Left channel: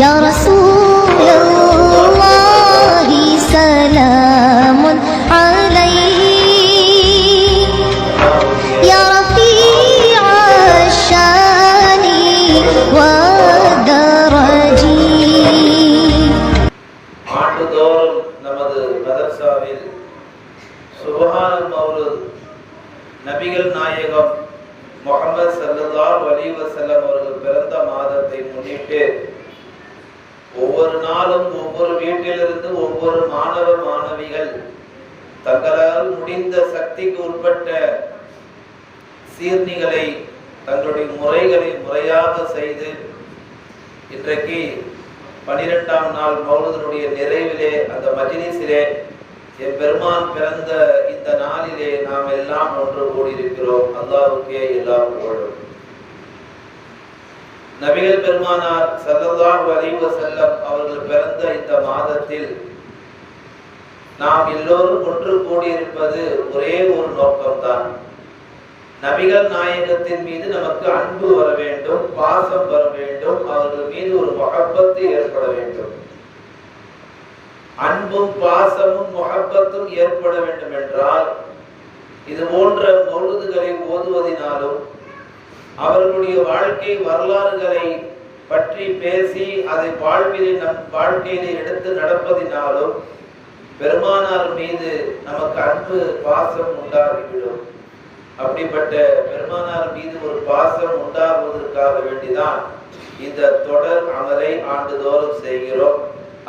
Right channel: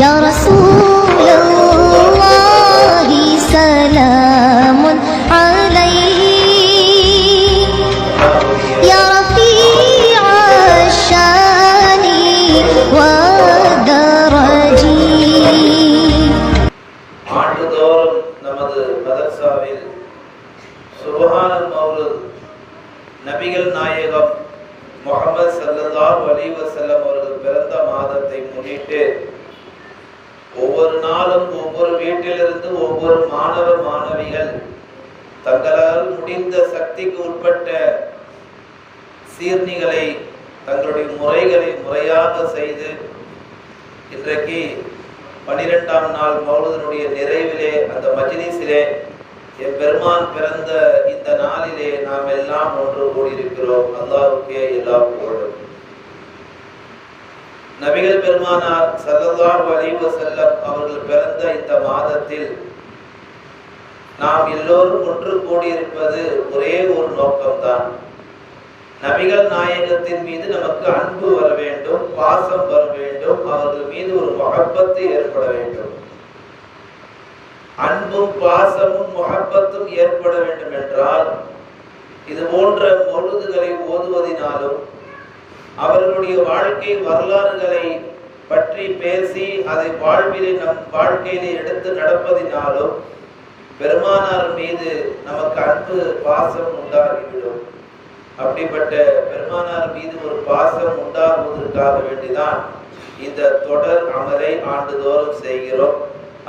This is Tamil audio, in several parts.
يا رسول الله سلام عليك يا رفيع الشان والدرج. ஆண்டுதோறும் நமது மதரசாவில் சுப்ஹானல் மௌலித் நபிகள் நாயகம் முஹம்மது ஸல்லல்லாஹு அலைஹி வஸல்லம் அவர்கள் பிறந்த மாதத்தை முன்னிட்டு ஒவ்வொரு நாளும் ஒவ்வொரு வீட்டிலிருந்து ஒவ்வொரு மாணவ மாணவிகள் தங்களால் முடிந்த சக்திக்கு உட்பட்ட சீர்ணிகளை தங்களுடைய முறைகளை முறையாக செய்து இன்றைக்கு 12ஆம் நாள் மௌலிதினுடைய நிறைவிலே அந்த மஜ்லிஸிலே என் பெருமான் பிறந்த இந்த நாளிலே நாம் எல்லாம் ஒன்று கூடியிருக்கிறோம். அல்லாஹ்வுக்கே எல்லா புகழும். நபிகள் பெருமானார் ஸல்லல்லாஹு அலைஹி வஸல்லம் அவர்கள் பிறந்த இந்த மாதத்தில் நாம் எல்லோரும் ஒன்று கூடியிருப்பது ஒரே ஒரு நோக்கம்தான். நபிகள் நாயகத்தின் மீது நமக்கு அன்பு வர வேண்டும், பாசம் வர வேண்டும், அவர்கள் மீது ஒரு முஹப்பத்து ஏற்பட வேண்டும். அன்பும் பாசமும் முஹப்பத்தும் ஏற்பட வேண்டும் என்றால் இது போன்ற மௌலிதுகளை ஓதுவதினாலும் அவர்களுடைய வாழ்க்கை வரலாறுகளை பற்றி பேசி அதை நம் வாழ்க்கையிலே எடுத்து நடப்பதினாலும் பெருமானார் மீது நமக்கு அன்பு பாசம் உண்டாகிவிடும். அப்படிப்பட்ட பெருமானார் மீது ஒரு பாசம் உண்டாகுவதற்காக வேண்டிதான் இந்த தொடர் அமலை ஆண்டுதோறும் செய்கிறோம்.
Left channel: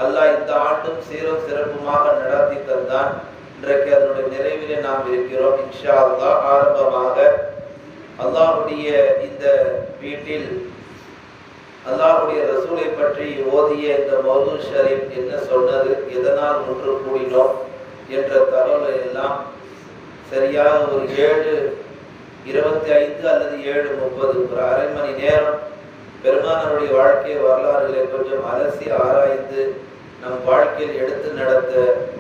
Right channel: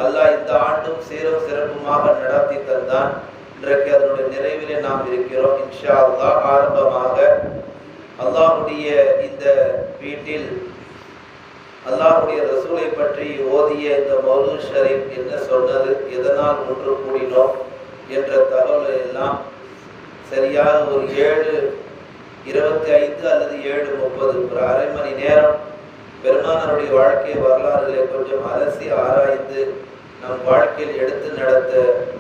அல்லாஹ் இந்த ஆண்டும் சீரும் சிறப்புமாக நடத்தி தந்தான். இன்றைக்கு அதனுடைய நிறைவிலே நாம் இருக்கிறோம். இன்ஷா அல்லாஹ் ஆரம்பமாக அல்லாஹ்வுடைய இந்த வீட்டில் அல்லாஹ்வுடைய ரசூலை பற்றி ஓதிய இந்த மௌலூத் ஷரீஃப் என்ன சொன்னது, எதனால் ஒன்று கூடினோம் என்ற தகவலை எல்லாம் சரியாக ஒரு 7:25 அல்லது 7:30 ஒரு அரை மணி நேரம் பெருமானாருடைய வாழ்க்கை வரலாறுகளை கொஞ்சம் அலசி ஆராய்ந்து நம் வாழ்க்கையில் எடுத்து நடத்த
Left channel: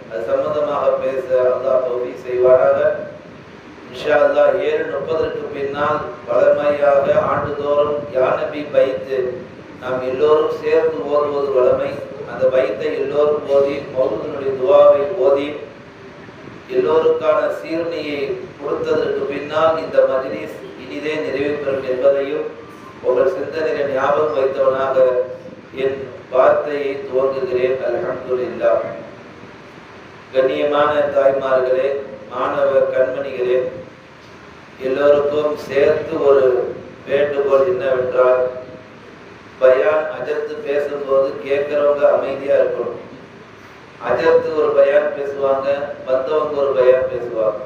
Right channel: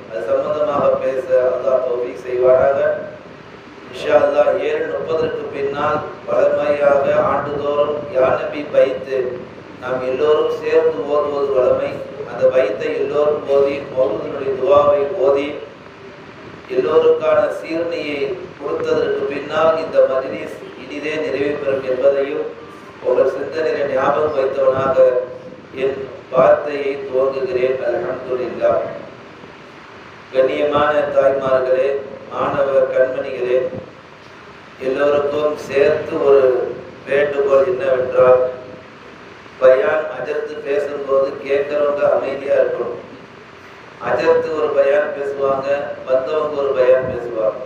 அது சம்பந்தமாக பேச அல்லாஹ் தௌஃபீக் செய்வாராக. இன்ஷா அல்லாஹ் 7:30 பின்னால் வளமையாக ஆண்டுதோறும் யா நபி பைத்து நாம் எல்லோரும் சேர்ந்து ஓதுவது வளமை. அந்த பைத்தை எல்லோரும் ஓதி மௌலூதினுடைய துஆவை ஓதி எல்லோருக்கான சீர்ணியை கொடுத்ததற்கு பின்னால் இந்த மஜ்லிஸ் இனிதே நிறைவு பெறும் என்பதையும் உங்கள் சிந்தனையை ஞாபகம் வைத்தவனாக என் வார்த்தையை துவங்குகிறேன். அல்ஹம்துலில்லாஹ். கண்ணியமான தாய்மார்களே, மாணவ கண்மணிகளே, எல்லோருக்கும் சேர்த்து ஒரு வேண்டுகோள் என்னவென்றால், பயான் அஜர்த்து பேசும்போது கேட்கிறவங்க அமைதியா இருக்கணும். அஜர்த்து ஒரு பயான் பேசுவாங்க, வந்தவங்க ஒரு பயான் பேசுவாங்க.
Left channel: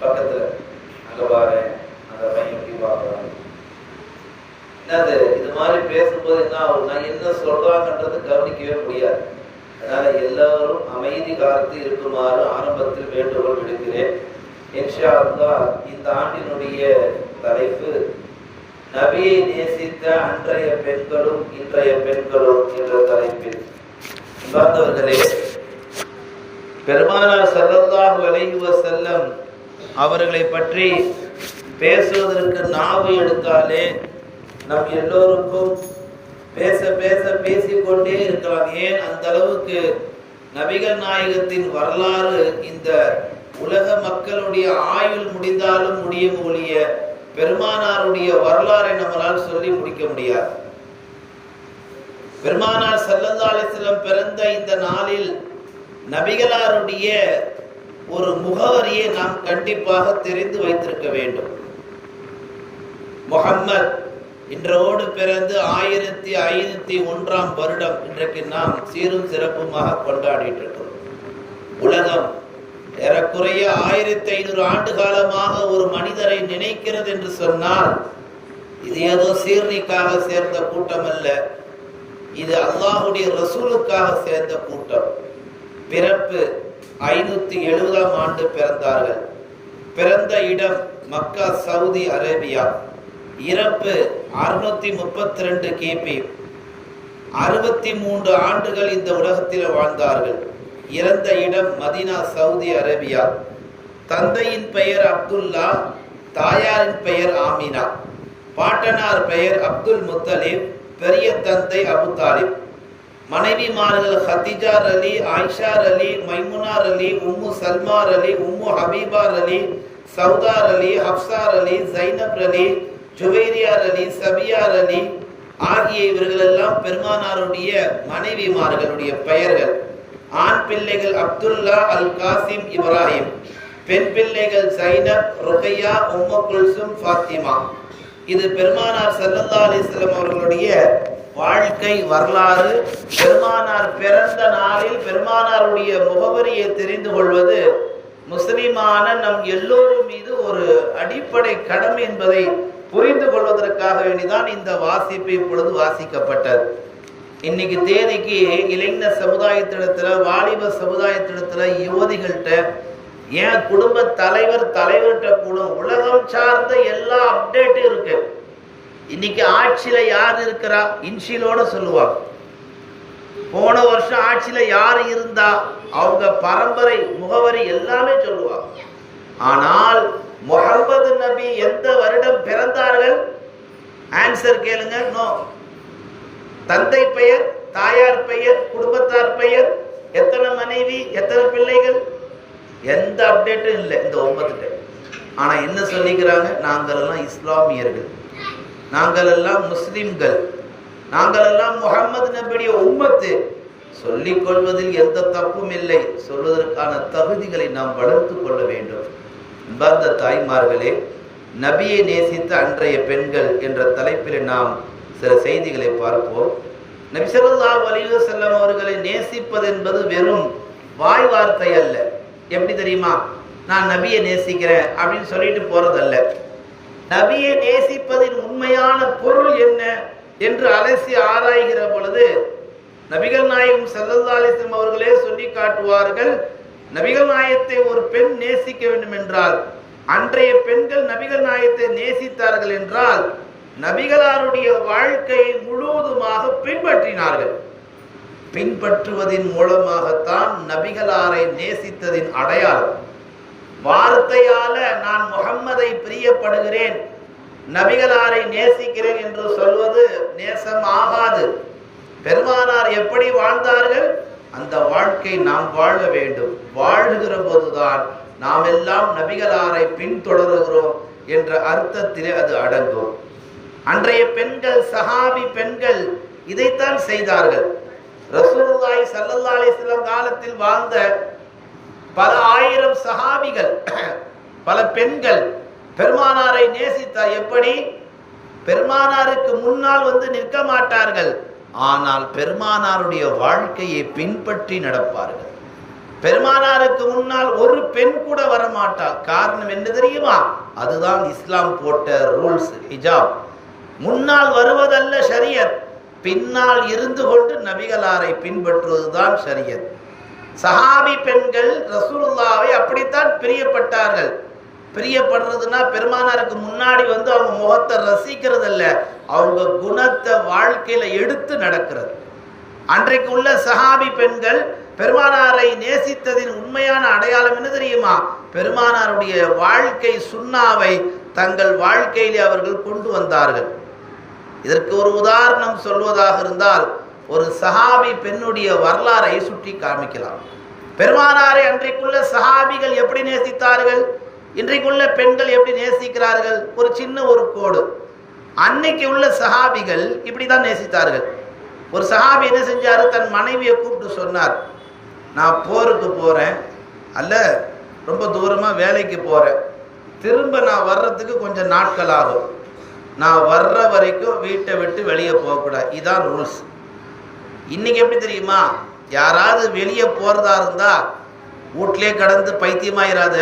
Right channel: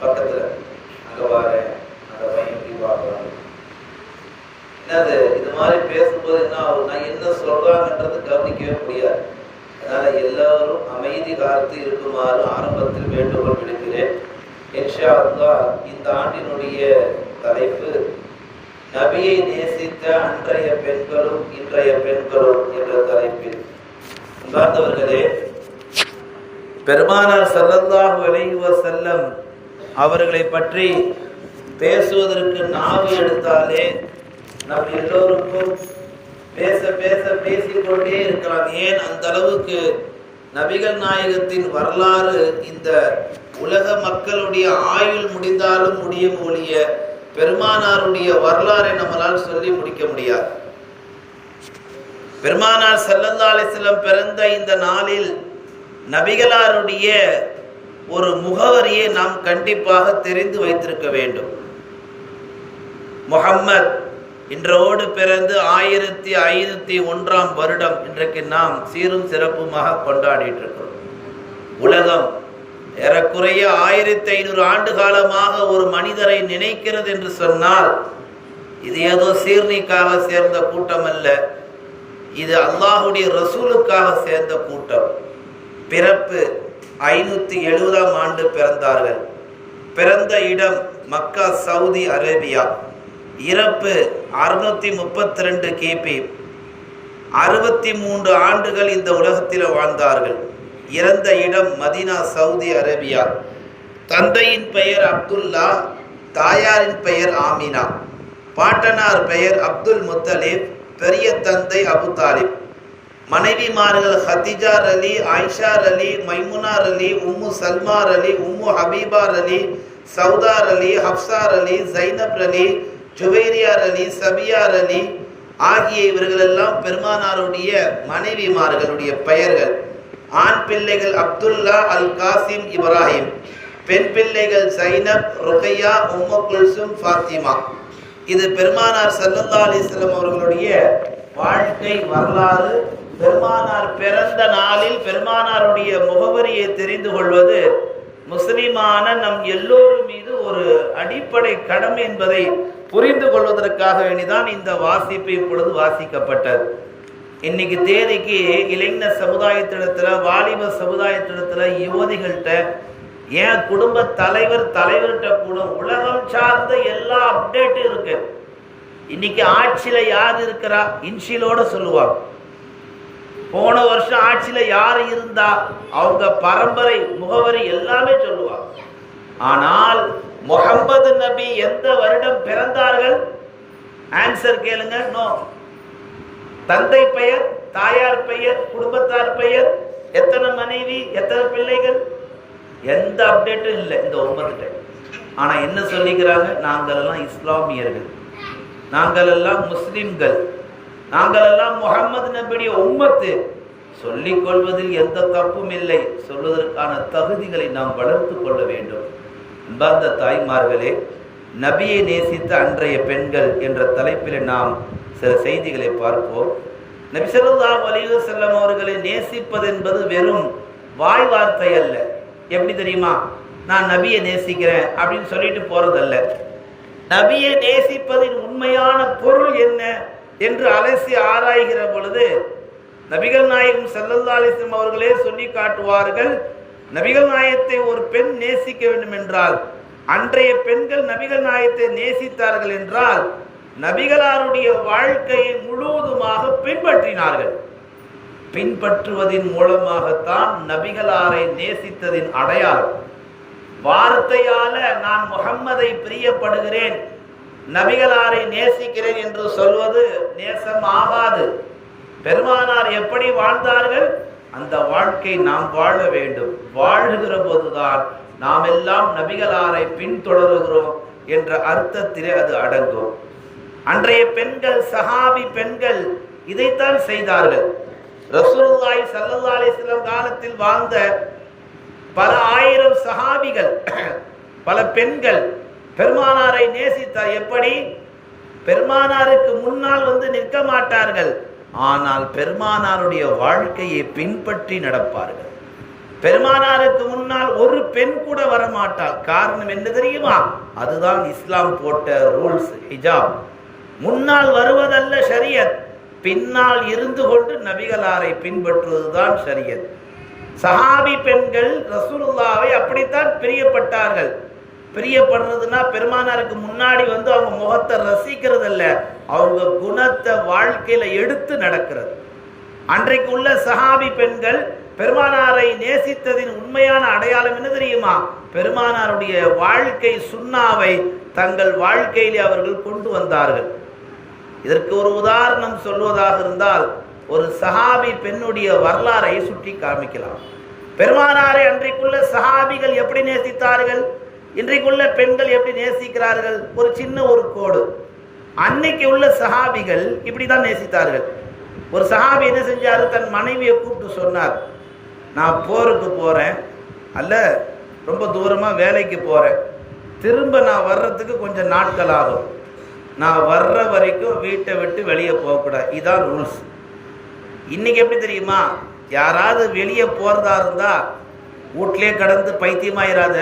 பக்கத்துல அங்க வாரேன், அந்த பையன் எப்படி பார்க்கறாங்க, என்னது இது மாதிரி பேசும்போது என்ன ஆகும்னா என்ன சொல்றாங்கன்றது கவனிக்கவே முடியாது. அதனால எல்லாரும் அமைதி காத்து இருக்குமாறு ஆரம்பத்தில் வேண்டுகோள் விடுக்கிறேன். இன்ஷா அல்லாஹ் இந்த ஆண்டினுடைய தலைப்பு நபியை நேசித்த அன்றைய பெண்களும் இன்றைய பெண்களும் என்ற தலைப்பில். பார்த்தவர்களே, பெருமானார் ஸல்லல்லாஹு அலைஹி வஸல்லம் அவர்களை பற்றி பேசுவதற்கு நாவு எடுத்தாலே நம் எல்லோருக்கும் பேச பேச பேசிக்கொண்டே இருக்கிறான். ஏன் அந்த அளவுக்கு நபிகள் நாயகத்தின் வரலாறு இந்த உலக மக்களுடைய ஆயுள் முடிந்தாலும் முடியும் ஒழிய பெருமானாருடைய வரலாறை நம்மளால் சொல்லி முடிக்க முடியாது. பெருமானார் ஸல்லல்லாஹு அலைஹி வஸல்லம் பிறந்த இந்த நாளில் நபிகளாருடைய ஒரு முகவரியை நாம் கண்டிப்பாக தெரிந்து வைத்திருக்க வேண்டும். முஹம்மத் இன்றோடு பிறந்து 1501ஆம் வருடம் இன்றைக்கு நாம் சீரும் சிறப்புமாக கொண்டாடிட்டு இருக்கிறோம். உலகம் ஏறக்குறைய 1500 ஆண்டு காலமாக ஒரு மனிதரை நினைக்கிறது என்று சொன்னால் இது ஏதோ சீர்னிக்காக சேர்ந்த கூட்டம் அல்ல, இது அல்லாஹுடைய ரசூலுக்காக சேர்ந்த கூட்டம். பிறப்பு 570ஆம் ஆண்டு பிறந்தார்கள். பிறந்த இடம் மக்கா, சவுதி அரேபியா. இறப்பு 632 கிபி. 63 ஆண்டுகள் இந்த உலகத்தில் வாழ்ந்தார்கள். இறந்த இடம் மதீனா, சவுதி அரேபியா. தந்தையின் பெயர் அப்துல்லா, தாயாரின் பெயர் ஆமினா. பாட்டனார் பெயர் அப்துல் முத்தலிப், பெரிய தந்தை அபு தாலிப். மனைவிமார்கள் ஹதிஜா அலி, ஆயிஷா அலி, மைமுனா அலி, உம்மு சல்மா அலி, உம்மு ஹபீபா அலி, சவுதார் அலி, ஹப்சார் அலி, ஜைனப் அலி, ஜுவைரியார் அலி, சபியார் அலி ஆகிய இவர்கள் எல்லாம் பெருமானாருடைய மனைவிமார்களுடைய பெயர்கள். ஆண் பிள்ளைகள் அப்துல்லா, அல் காசிம், இப்ராஹிம். பெண் பிள்ளைகள் ஜைனப், ருகையா, உம்மு குல்சும், ஃபாத்திமா. இது பெருமானார் ஸல்லல்லாஹு அலைஹி வஸல்லம் அவர்களுடைய வாழ்க்கை வரலாறு. பெருமானார் பிறந்த நாளில் பெருமானாருடைய முகவரியை தெரிந்து கொள்வது முஸ்லிமான நம் எல்லோரும் மீது ஒரு அடிப்படை கடமை என்பதை புரிந்து கொள்வதற்காக வேண்டிதான் இந்த வாசிப்பு இப்பொழுது வாசிக்கப்பட்டது. இன்னைக்கு தேதிக்கு இளைஞர் சமுதாயத்திடத்துல, வாலிப சமுதாயத்திடத்துல, யுவதிகள்கிட்ட, ஏன் குடும்ப தலைவர்கிட்ட கூட உலகம் சார்ந்த எல்லா அப்டேட்டும் இருக்கு. இன்னைக்கு ஆட்சியில யார் இருக்கிறா இன்ஷியலோட சொல்லுவாங்க. போன வருஷம் ஆட்சியில யார் இருந்தா அவங்க பரம்பரை முகவரி எல்லாமே சொல்லுவாங்க. ஆனால் முஹம்மது நபி எந்த வருடம் பிறந்தார்கள்? ஆன்சர் கேளுங்க. நோ. தந்தை பெயர், தாயார் பெயர், குடும்பத்தார் பெயர், எத்தனை மனைவி, எத்தனை பிள்ளைகள், எந்த அப்டேட்டும் இல்லை இந்த உம்மத்துட்ட. ஆனா என்ன சொல்லிக்கிறாங்க? நாங்கள் எல்லாம் இஸ்லாமியர்கள், நாங்கள் எல்லாம் முஸ்லிம்கள், நாங்கள் எல்லாம் முஹம்மது நபியுடைய உம்மத்து. சொல்லிக் கொள்வதில் எந்த தப்பும் இல்லை. சொல்வதற்கான தகுதிகளை நாம் வளர்த்து கொள்ள வேண்டும். அன்பார்ந்த தாய்மார்களே, நபியை நேசித்த அன்றைய பெண்கள் என்ற தலைப்பில் நாம் சில செய்திகளை பார்ப்போம். நபி ஸல்லல்லாஹு அலைஹி வஸல்லம் அவர்களை நேசிப்பது என்பது வெறும் வாய் வார்த்தை அல்ல. எப்படி தெரியுமா? நான் நபியை நேசிக்கிறேன் அப்படின்னு சொல்லிட்டு போறதல்ல. நபியை நேசிப்பதின் உண்மையான பொருள் என்ன என்று அலசி ஆராய்கிற பொழுது நபிகள் நாயகம் ஸல்லல்லாஹு அலைஹி வஸல்லம் அவர்களே சொல்லி காட்டுவார்கள். நபிகள் நாயகத்தை ஒரு பெண் நேசிக்க வேண்டும் என்றால், அன்றைய பெண்கள் நபிகள் நாயகத்தை நேசித்தார்கள் என்றால் நபிகளாருடைய வாழ்க்கையை முழுவதுமாக பின்பற்றினார்கள். பின்பற்றுவதன் மூலமாகத்தான் நபிகளாரை நேசித்ததின் அடையாளம். வார்த்தையால நான் முஹம்மதை பிரியப்படுகிறேன், நபிகளாரை நேசிக்கிறேன் என்று சொல்வது நேசம் ஆகாது. பெருமானார் எப்படி வாழ்ந்தார்கள் அந்த வாழ்க்கை நாம் வாழ வேண்டும். வாழ்கிற போதுதான் நாம் எல்லாம் நபிகளாரை பின்தொடருகிறோம் என்ற அர்த்தத்திலே அது அடங்கும். அன்றைய பெண்கள், சஹாபி பெண்கள் இதைத்தான் செய்தார்கள். ரசூலுல்லாஹி ஸல்லல்லாஹு அலைஹி வஸல்லம் காலத்தில் வாழ்ந்த பல ஆயிரம் சஹாபிகள், பல பெண்கள் பெருமானாரை நேசித்தார். எப்படி? பெருமானாருக்கு முன்னால் வந்து நிற்க மாட்டார்கள், ஆனால் பெருமானாருடைய வாழ்க்கையை பின்பற்றி நடப்பார்கள். பெருமானாருக்கு முன்னால் ஒரு பெண் கூட வரமாட்டார். காரணம் என்ன தெரியுமா? அதுதான் இஸ்லாம் போட்ட ரூல்ஸ், ஹிஜாப். முன்னால் வருவதல்ல ஷரியத், பின்னால் இருந்து கொண்டு நபிகளாரை பின்பற்றுவதுதான் ஷரியத். சஹாபி பெண்கள் ரசூலுல்லாஹ்வை அப்படித்தான் பிரியப்பட்டார்கள். பிரியப்படுறதுன்னா பெருமானாருக்கு முன்னாடி வந்து அவங்க முகத்தை ரசிக்கிறது அல்ல, அவங்க குணத்தை வாழ்க்கையில எடுத்து நடக்கிறது. அன்றைக்கு உள்ள சஹாபி பெண்கள் பெருமானாரை நேசித்ததின் உண்மையான அடையாளம் என்ன தெரியுமா? பெருமானாருடைய வாழ்க்கை சுன்னாவை தங்கள் வாழ்க்கையிலே அவர்கள் கொண்டு வந்தார்கள். இதற்கு ஒரு உதாரணம் சொல்வதாக இருந்தால், ஒரு சஹாபி பெண்ணுடைய வரலாறை சுற்றி காமிக்கலாம். பெருமானாரை அன்றைக்குள்ள சஹாபிகள் எப்படி நேசித்தார்கள், இன்றைக்குள்ள பெண்கள் எப்படி நேசிக்கிறார்கள்? ஒரு சின்ன ஒரு கோடு. அன்னைக்கு உள்ள சஹாபிகள் இப்படிதான் நேசித்தார்கள். ஒரு சஹாபி என்ன செஞ்சாரு? தன் மனைவியை கூப்பிட்டு சொன்னார், நான் போருக்கு போறேன், அல்ல ரொம்ப தூரமா வேலைக்கு போறேன், திரும்ப நான் வர்றதுக்கு கொஞ்சம் நாட்கள் ஆகும், நான் வர்ற வரைக்கும் வீட்டை விட்டு வெளியே போகக்கூடாது. இதான் ரூல்ஸ். இன்னைக்கு எப்படி தெரியுமா? யாராவது வெளியே போறதா இருந்தா வீட்லயே கடந்து பைத்தியமாயிராத,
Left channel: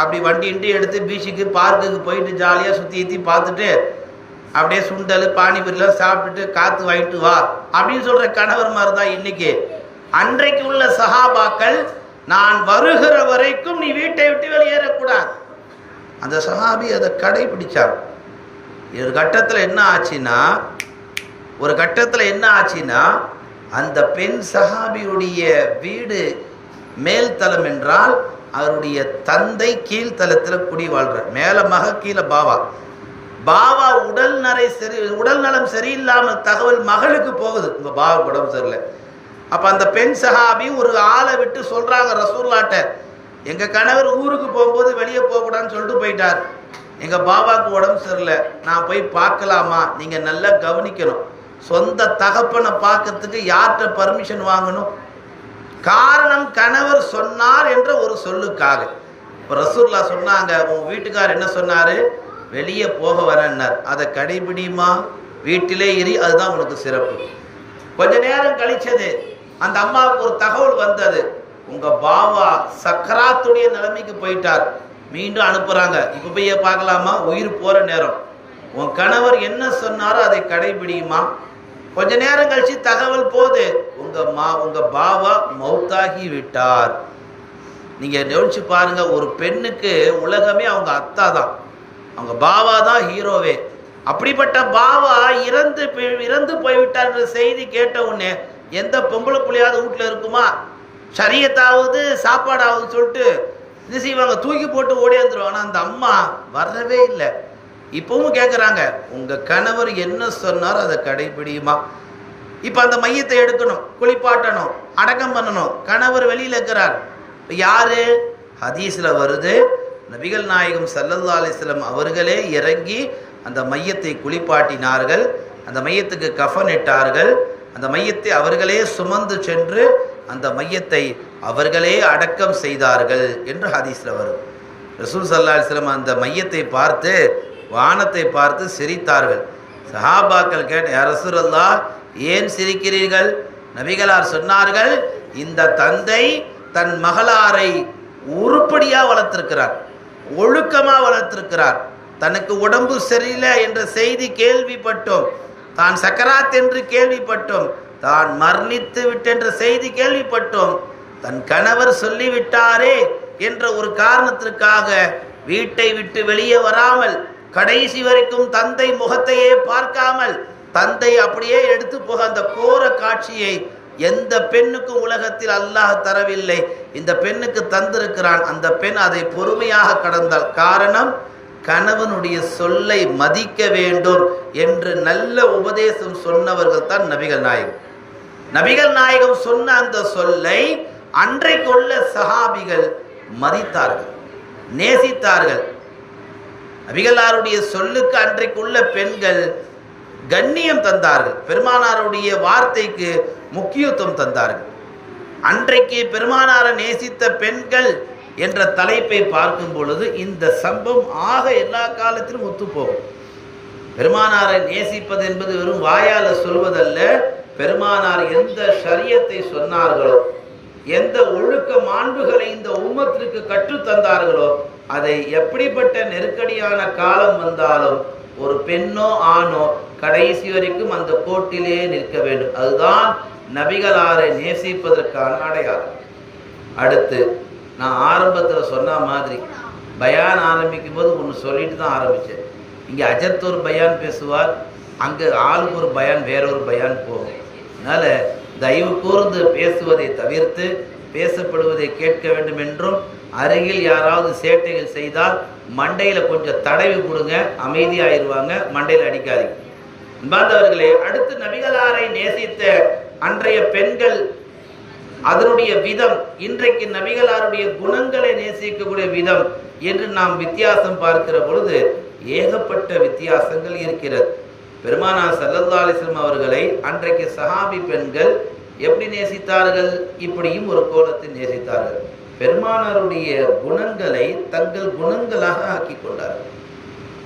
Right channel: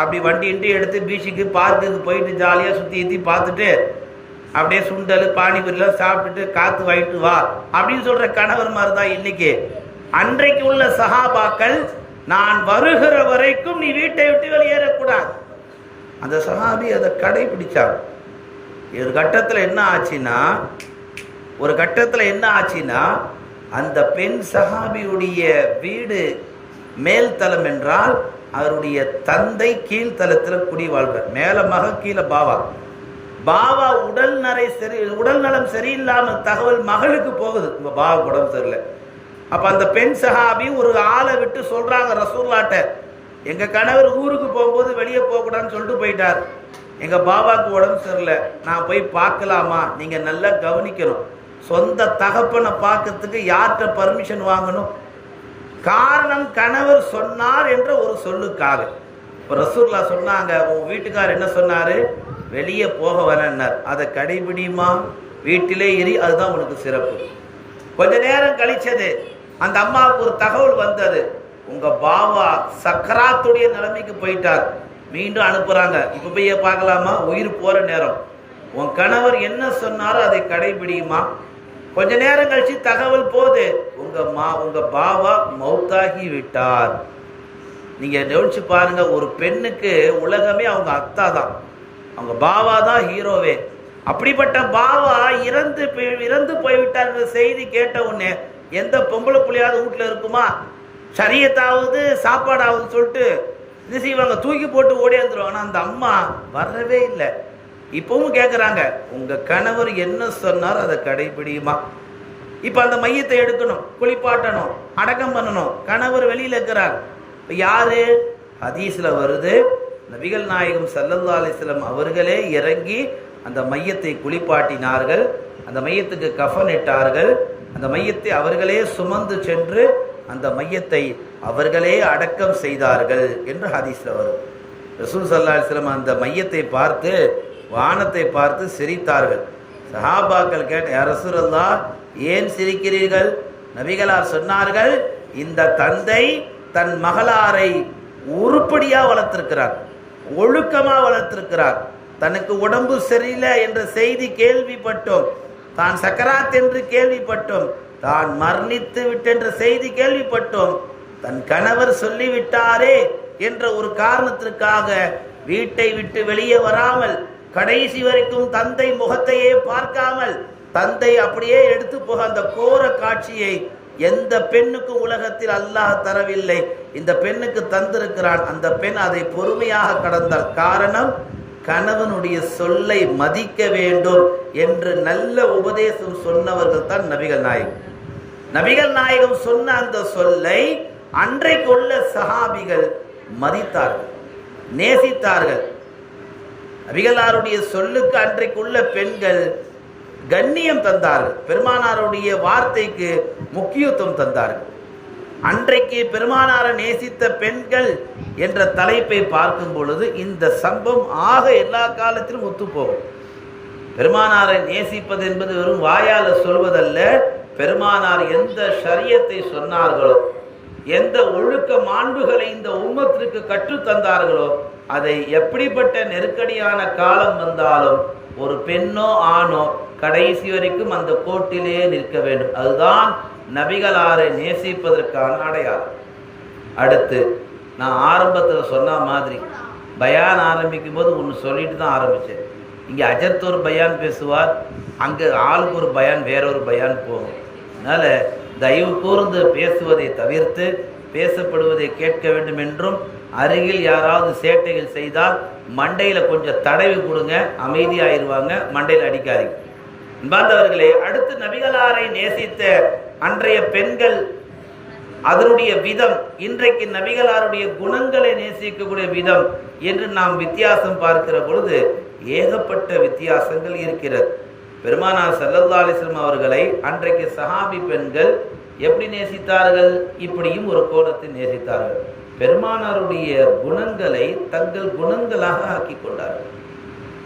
அப்படி வண்டி இண்டி எடுத்து பீச்சுக்கு பார்க்குக்கு போயிட்டு ஜாலியாக சுற்றி பார்த்துட்டு அப்படியே சுண்டல் பானிபூரிலாம் சாப்பிட்டுட்டு காற்று வாங்கிட்டு வா அப்படின்னு சொல்கிற கணவர் மாதிரி தான் இன்னைக்கு. அன்றைக்கு உள்ள சஹாபாக்கள், நான் வருகிற வரைக்கும் நீ வீட்டை விட்டு வெளியேறக்கூடாது. அந்த சஹாபி அதை கடைபிடிச்சாங்க. ஒரு கட்டத்தில் என்ன ஆச்சுன்னா அந்த பெண் சஹாபியுடைய வீடு மேல்தளம் என்றால் அவருடைய தந்தை கீழ்த்தளத்தில் குடி வாழ்றார். மேல மக, கீழே பாவா. பாவா உடல் நலம் சரியில்லாம தகவல் மகளுக்கு போகுது, உங்க பாவா உடம்பு சரியில்லை. அப்போ அந்த பெண் சஹாபி ஒரு ஆளை விட்டு சொல்கிறாங்க ரசூல்லாட்ட, எங்கள் கணவர் ஊருக்கு போகும்போது வெளியே போகக்கூடாதுன்னு சொல்லிட்டு போயிட்டார், எங்கள் பாபாவுக்கு உடம்பு சரியில்லை, நான் போய் பார்க்கலாமா? நீங்கள் நல்லா கவனிக்கணும், சொந்த தகப்பனை பார்க்கறதுக்கு யார்கிட்ட பர்மிஷன் வாங்கணும்? காரணம் கணவர் சொன்னார் என்ற ஒரு சொல்லுக்காக. இப்போ ரசூல்லா சொன்னாங்க, உன் வீட்டுக்கார் என்ன சொன்னார்? வெளியே போக வரேன்னார். அதை கடைபிடிமா, வீட்டிலே இரு, அதுதான் உனக்கு சிறப்பு. கொஞ்ச நேரம் கழிச்சது அந்த அம்மாவுக்கு ஒரு தகவல் வந்தது, உங்க பாபா சக்கராத்துடைய நிலைமைக்கு போயிட்டார். மீண்டும் அனுப்புறாங்க, இப்ப போய் பார்க்கலாமா? உயிர் போற நேரம். உன் கணவர் என்ன சொன்னாரோ அதை கடைபிடியுமா? கொஞ்ச நேரம் கழிச்சு தகவல் போகுது, உங்க பாபா மௌத்தாகி விட்டார். நீங்க நினைச்சு பாருங்க, ஒரு பெண்ணுக்கு உலகமே அவங்க அத்தா தான், அவங்க பாபா தான் ஹீரோவே. அப்படிப்பட்ட பாபா இறந்து போய்விட்டார்ன்ற செய்தி கேட்ட உடனே எந்த பொம்பளை புள்ளையாவது வீட்டில் இருக்குமா? சரியத்தாவது சாப்பாடாவது சொல்லிட்டு இது செய்வாங்க, தூக்கி போட்டு ஓடியாந்துருவாங்க. அந்த அம்மா வரவே இல்லை. இப்பவும் கேட்குறாங்க, உங்க கணவர் என்ன சொன்னாரோ அதை கடைபிடியுமா? இப்போ அந்த மையத்தை எடுக்கணும், குளிப்பாட்டணும், அடக்கம் பண்ணணும். கணவர் வெளியில் இருக்கிறார். யாரு? ஹதீஸ்ல வருது, நபிகள் நாயகம் ஸல்லல்லாஹு அலைஹி வஸல்லம் அவர்களே இறங்கி அந்த மையத்தை குளிப்பாட்டினார்கள், அந்த மையத்துக்கு கஃன் இட்டார்கள், அந்த மையத்தை அவர்களே சுமந்து சென்று அந்த மையத்தை அவர்களே அடக்கம் செய்தார்கள் என்று ஹதீஸ்ல வரும். ரசூல் ஸல்லல்லாஹு அலைஹி வஸல்லம் அந்த மையத்தை பார்த்து, வானத்தை பார்த்து சிரித்தார்கள். சஹாபாக்கள் கேட்ட, யா ரசூலல்லாஹ், ஏன் சிரிக்கிறீர்கள்? நபிகளார் சொன்னார்கள், இந்த தந்தை தன் மகளாரை உருப்படியா வளர்த்திருக்கிறார், ஒழுக்கமா வளர்த்திருக்கிறார். தனக்கு உடம்பு சரியில்லை என்ற செய்தி கேள்விப்பட்டோம், தான் சக்கராத் என்று கேள்விப்பட்டோம், தான் மரணித்து விட்டென்ற செய்தி கேள்விப்பட்டோம், தன் கணவர் சொல்லிவிட்டாரே என்ற ஒரு காரணத்திற்காக வீட்டை விட்டு வெளியே வராமல் கடைசி வரைக்கும் தந்தை முகத்தையே பார்க்காமல் தந்தை அப்படியே எடுத்து போக அந்த கோர காட்சியை எந்த பெண்ணுக்கும் உலகத்தில் அல்லாஹ் தரவில்லை, இந்த பெண்ணுக்கு தந்திருக்கிறான். அந்த பெண் அதை பொறுமையாக கடந்தாள். காரணம், கணவனுடைய சொல்லை மதிக்க வேண்டும் என்று நல்ல உபதேசம் சொன்னவர்கள் தான் நபிகள் நாயகம். நபிகள் நாயகம் சொன்ன அந்த சொல்லை அன்றைக்குள்ள சஹாபிகள் மதித்தார்கள், நேசித்தார்கள். நபிகளாருடைய சொல்லுக்கு அன்றைக்குள்ள பெண்கள் கண்ணியம் தந்தார்கள், பெருமானாருடைய வார்த்தைக்கு முக்கியத்துவம் தந்தார்கள். அன்றைக்கு பெருமானாரை நேசித்த பெண்கள் என்ற தலைப்பை பார்க்கும் பொழுது இந்த சம்பவம் ஆக எல்லா காலத்திலும் ஒத்துப்போகும். பெருமானாரை நேசிப்பது என்பது வெறும் வாயால சொல்வதல்ல, பெருமானார் எந்த ஷரியத்தை சொன்னார்களோ, எந்த ஒழுக்க மாண்புகளை இந்த உம்மத்திற்கு கற்றுத்தந்தார்களோ, அதை எப்படிப்பட்ட நெருக்கடியான காலம் வந்தாலும் ஒரு பெண்ணோ ஆணோ கடைசி வரைக்கும் அந்த கோட்டிலே நிற்க வேண்டும். அதுதான் நபிகளாரை நேசிப்பதற்கான அடையாளம். அடுத்து நான் ஆரம்பத்தில் சொன்ன மாதிரி பயான் ஆரம்பிக்கும் போது ஒன்று சொல்லிட்டு தான் ஆரம்பித்தேன். இங்கே அஜத் ஒரு பயான் பேசுவார், அங்கே ஆளுக்கு ஒரு பயான் வேறொரு பயான் போகும். அதனால் தயவு கூர்ந்து பேசுவதை தவிர்த்து பேசப்படுவதை கேட்க வேண்டும் என்றும், அருகில் யாராவது சேட்டைகள் செய்தால் மண்டையில் கொஞ்சம் தடவி கொடுங்க, அமைதியாயிருவாங்க, மண்டையில் அடிக்காதீங்க. அன்பார்ந்தவர்களே, அடுத்து நபிகளாரை நேசித்த அன்றைய பெண்கள் அதனுடைய விதம், இன்றைக்கு நபிகளாருடைய குணங்களை நேசிக்கக்கூடிய விதம் என்று நாம் வித்தியாசம் பார்க்கிற பொழுது ஏகப்பட்ட வித்தியாசங்கள் இருக்கிறது. பெருமானார் ஸல்லல்லாஹு அலைஹி வஸல்லம் அவர்களை அன்றைக்கு சஹாபி பெண்கள் எப்படி நேசித்தார்கள்? இப்படியும் ஒரு கோணத்தில் நேசித்தார்கள். பெருமானாருடைய குணங்களை தங்கள் குணங்களாக ஆக்கி கொண்டார்கள்.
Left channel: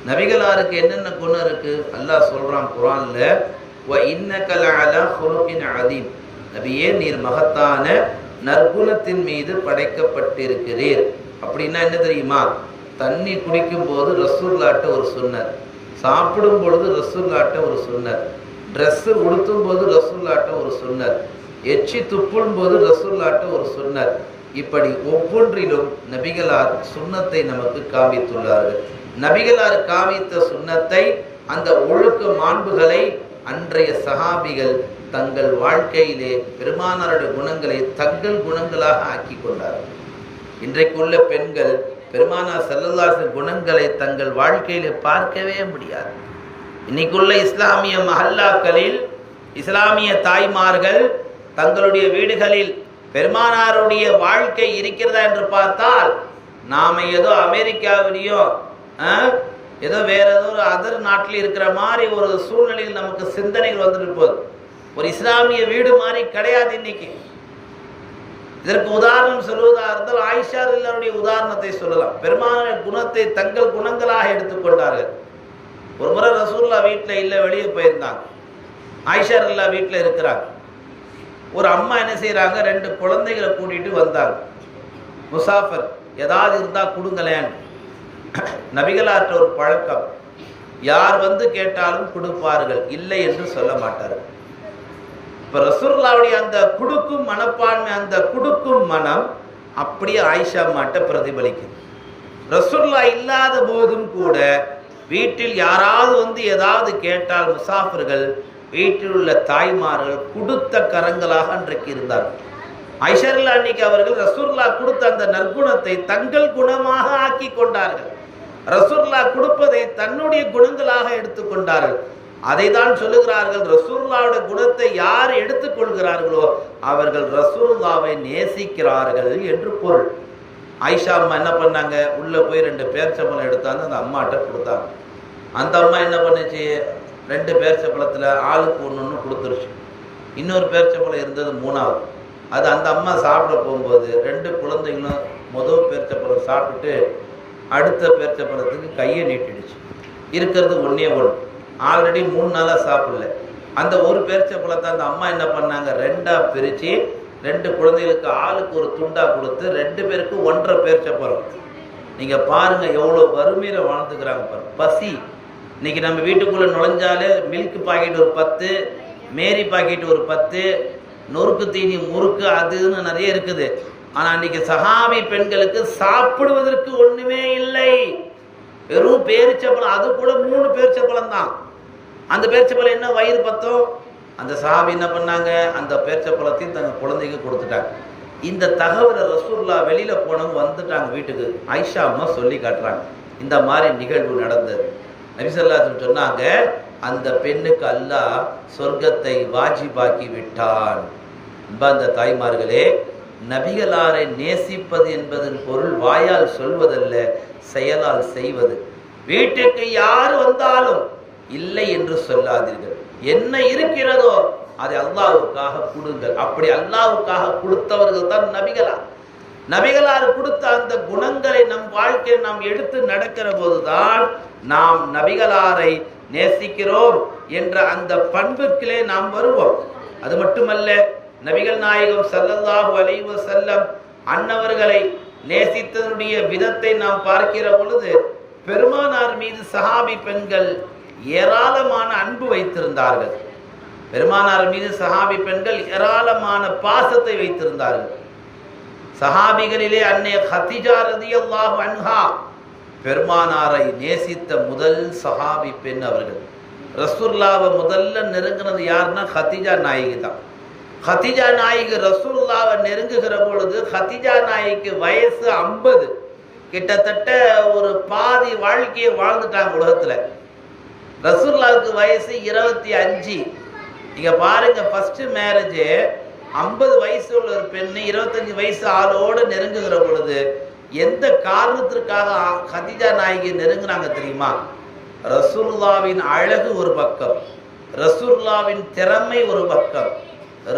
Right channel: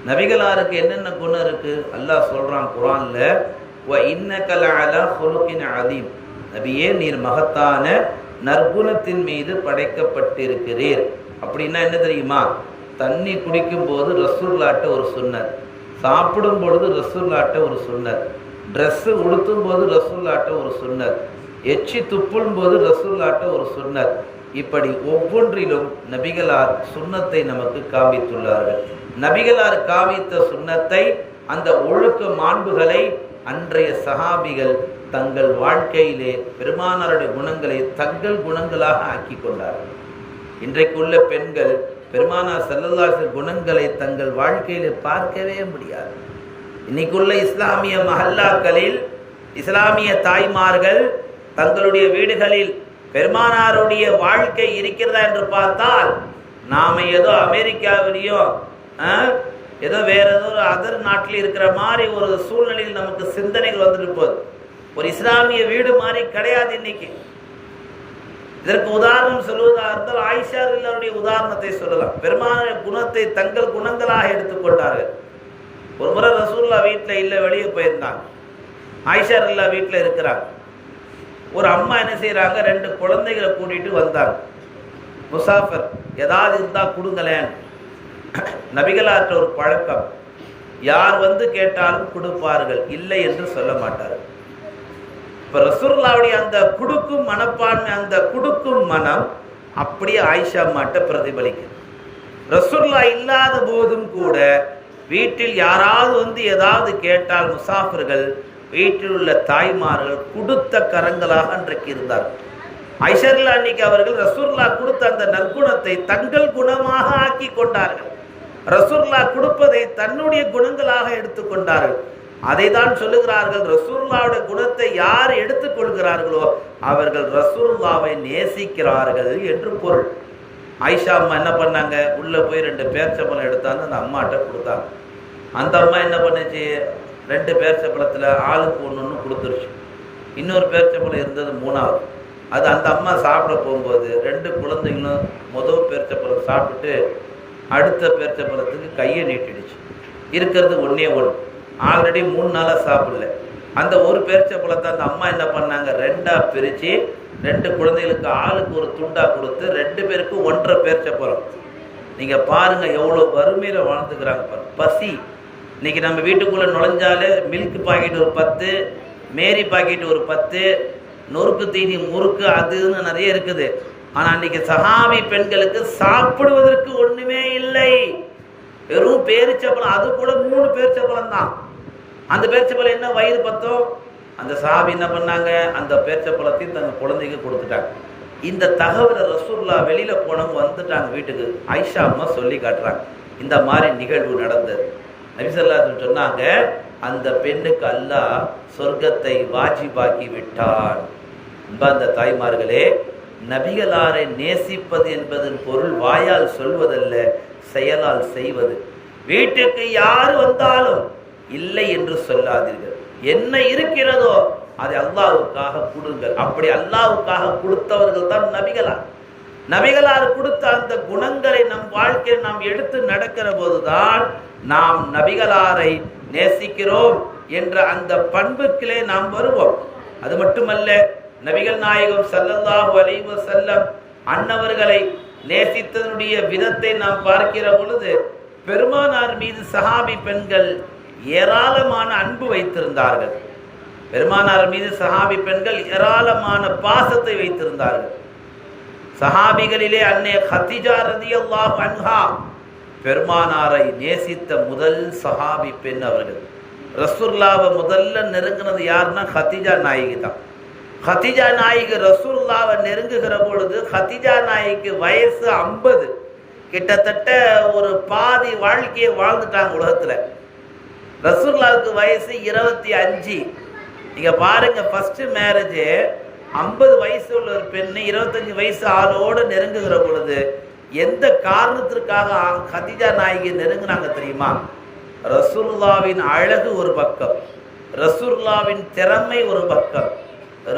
நபிகளாருக்கு என்னென்ன குணம் இருக்கு? அல்லாஹ் சொல்றான் குர்ஆன்ல, வ இன்னக லஅலா ஹுலுகின் அதீம், நபியே நீர் மகத்தான நற்குணத்தின் மீது படைக்கப்பட்டிருக்கிறீர். அப்படின்னா என்ன தெரியுமா? தண்ணி குடிக்கும் போது ரசூலுல்லாஹ்ட்ட ஒரு சுன்னத், சாப்பிடும் பொழுது ரசூலுல்லாஹ்ட்ட ஒரு சுன்னத், ட்ரெஸ்ஸு உடுத்தும் போது ரசூலுல்லாஹ்ட்ட ஒரு சுன்னத், எச்சி துப்பும் போது ரசூலுல்லாஹ்ட்ட ஒரு சுன்னத். இப்படி ஒவ்வொன்றிலும் நபிகளார் சுன்னத்தை நமக்கு காண்பித்துள்ளார்கள். நபிகளார் காமித்த சுன்னத்தை, அந்த ஒழுக்க மாண்புகளை அன்றைய சஹாபிகள் தங்கள் வாழ்க்கையிலே பெருமானாருடைய குணங்களை தங்கள் குணங்களாக ஆக்கி கொண்டார்கள். இன்றைக்குள்ள பெண்கள் பெருமானார் ஸல்லல்லாஹு அலைஹி வஸல்லம் குணங்களை தங்கள் வாழ்க்கையிலே பார்க்கவே முடியாது. இன்னைக்குள்ள இஸ்லாமிய மஹல்லாக்களில் இஸ்லாமிய தாய்மார்கள் தங்களுடைய வீடுகளில் பெருமானாருடைய வாழ்க்கை இருக்கிறதா என்று பார்த்தால் நாம ஏதோ அமெரிக்காவிலையும் ஏதோ வேற ஏதோ ஒரு அதர் நாட்டில் இருக்கிற மாதிரி ஒரு சூழ்நிலையில் நமக்கு சிந்தனைகள் வந்துட்டு போகுது. ஒரு இஸ்லாமிய வீடு மாதிரி கிடையாது இன்னைக்கு. இதற்கு உதாரணம் சொல்வதாக இருந்தால் ஆயிஷா ரலியல்லாஹுடைய உதாரணத்தை சொல்லலாம். பெருமான குணத்தை தங்கள் குணங்களாக எடுத்துக்கொண்டார்கள். ஒரு முறை ரசூலுல்லாஹ் வீட்டில் இல்லை, வெளியே போயிருந்தாங்க. ஆயிஷா ரலியல்லாஹு வீட்டில் இருக்கிறாங்க. ஒரு அம்மா என்ன செய்யறாங்க, 2 குழந்தைகளை கூட்டிட்டு வந்தாங்க. முசாஃபர் ஏதாவது இருந்தா கொடுங்களேன். நபிகளாற்ற ஒரு பழக்கம், யார் வந்து கேட்டாலும் கொடுப்பார்கள், இல்லை என்று சொல்ல மாட்டார்கள். இப்ப ரசூலுல்லாஹ்வுடைய அந்த குடுக்கும் மனப்பான்மை, அந்த குடுக்கும் மனம் அப்படியே ஆயிஷா அம்மாட்ட பிரதிபலிக்கும். ரசூலுல்லாஹ் இல்லாத போதும் கூட வீட்டில் யாராவது வந்து ஏதாவது கேட்டால் முசாஃபிர்கள், வீட்டில் உள்ள தாய்மார்கள் கொடுத்த கரங்களாக அன்றைக்கு இருந்தார். ஆயிஷா ரலியல்லாஹு அன்னைக்கு அவர்கள் ரசூலுல்லாஹ் கொடுத்த அந்த நற்குணத்தை தங்கள் குணமாக ஆக்கி கொண்டார்கள். ரசூலுல்லாஹ் கொடுப்பதை தன்னுடைய குணங்களாக எடுத்துக்கொண்டார்கள். அதை தான் சொல்லுகிறார்கள், ரசூலுல்லாஹ்வுடைய குணத்தை யார் எடுத்துக்கொள்கிறார்களோ அவர்கள் ரசூலுல்லாஹ்வை நேசிக்கிறார்கள் என்று பொருள். ஆயிஷா அம்மா என்ன பண்ணாங்க, உள்ள போய் 2 பேர்ச்சம்பழம் எடுத்தாங்க, அந்த அம்மாட்ட கொடுத்தாங்க. அந்த அம்மா என்ன பண்ணுச்சு, 2 பேர்ச்சம்பழத்தில் ஆளுக்கு ஒன்று கொடுத்துருச்சு. இன்னொரு பேர்ச்சம்பழம் இருந்தது 3வது. அது அந்த அம்மா சாப்பிட போகும்போது 2 குழந்தைங்களும் முதல் பேர்ச்சம்பழம் சாப்பிட்டுட்டு அடுத்த பேர்ச்சம்பழத்துக்கு கையை நீட்டிடுச்சு. இருக்கிறது 1 ஆல்ரெடி 3 நாளாக சாப்பிடல. அந்த ஒரு பேர்ச்சம்பழத்தை அந்த அம்மா என்ன பண்ணாங்க, 2ஆக பிரித்து 2 குழந்தைகளுக்கு ஆளுக்கு ஒரு துண்டா கொடுத்து 2 பேருக்கு 1.5 பேர்ச்சம்பழம். நீங்கள் பாருங்கள் எவ்வளோ வறுமையில் வாழ்ந்துக்கிறாங்க பாருங்க. பசி இன்னைக்கு நம்ம வீட்டுக்குள்ளே நுழைஞ்சாலே மில்க் பாக்கெட் ஒரு 10, மேரி பாக்கெட் ஒரு 10, நொறுக்கு தீனி முறுக்கு அதுன்னு நிறைய இருக்குது. ஆனால் அன்றைக்கி சஹாபி பெண்களுக்கு சாப்பிடுவதற்கு ஒன்றுமே இல்லை. வெறும் பேரிச்சப்பழம், அது கூட 3 பேரிச்சப்பழம் தான். அந்த பேரிச்சப்பழம் என்ன வயிறு பத்தம். அந்த சஹாபி என்ன பண்ணாங்க, அந்த பேரிச்சப்பழத்தையும் தங்கள் குழந்தைக்கு கொடுத்துட்டாங்க. இந்த தகவலை ரசூலுல்லாஹ் வெளியில் போனவங்க வந்துட்டாங்க வீட்டுக்கு. ஆயிஷா அம்மா சொல்லி காட்டுறாங்க, இந்த மாதிரி நிகழ்வு நடந்தது. நபி ஸல்லல்லாஹு அலைஹி வஸல்லம் சொன்னாங்க, அந்த பெண்ணுக்கு அல்லாஹ் சொர்க்கத்தை வாஜிபாக்கி விட்டான். அந்த தாய்மார்களே, நபிகளாரை நேசிப்பது என்பதன் பொருள் வாயால் சொல்வதல்ல, செயலால் செய்வது. வீட்டுக்கு யார் வந்தாலும் இல்லை என்று சொல்லாதீர்கள். என்ன இருக்கிறதோ அதை அல்லாஹ்வுக்காக கொடுங்கள். அப்படி அல்லாஹ்வுக்காக கொடுத்தவர்கள் தான் நபிகளார். நபிகளார் கொடுத்த அந்த குணங்களை நம் வாழ்க்கையில் நாம் எடுத்து நடக்கிற போதுதான் நாம் நபிகளாரை நேசிக்கிறோம் என்ற அந்த பண்புக்கிலே நாம் வருவோம். அது மட்டுமல்ல, நபிகள் நாயகம் ஸல்லல்லாஹு அலைஹி வஸல்லம் அன்னவர்களை நேசித்ததனுடைய விதத்தை நாம் பார்க்கிற பொழுது பெருமானார் மீது சஹாபி பெண்கள் ஏராளமான அன்பு வைத்திருந்தார்கள். பெருமானார் மீது சஹாபி பெண்கள் ஏராளமான பாசத்தை வைத்திருந்தார்கள். சஹாபிகளிலே அன்னை கதீஜா ரலியல்லாஹு அன்ஹா பெருமானாரை நேசித்த முதல் சஹாபி பெண் அவர்கள். ரசூலுல்லாஹ்வை முதல்ல நெருங்கினது யாருன்னா கதீஜா நாயகி தான். கதீஜா நாயகி ரசூலுல்லாஹ்வை நெருங்குகிற பொழுது கதீஜா நாயகிக்கு வயசு 50, கிட்டத்தட்ட ஒரு பாதி வாழ்க்கையை வாழ்ந்துட்டாங்க உலகத்தில். ரசூலுல்லாஹ்வுக்கு வயசு 25. நீங்க பாருங்க, ஃபர்ஸ்ட் மேரேஜ் 50 வயசு உள்ள ஒரு பெண்ணு 25 வயசு ஆளோடு நெருங்குகிற பொழுது எந்த காரணத்திற்காக கதீஜா நாயகி நெருங்குறாங்க தெரியுமா? ரசூலுல்லாஹ்வின் அழகு ஒரு பக்கம், ரசூலுல்லாஹ்வின் திறமை ஒரு பக்கம்,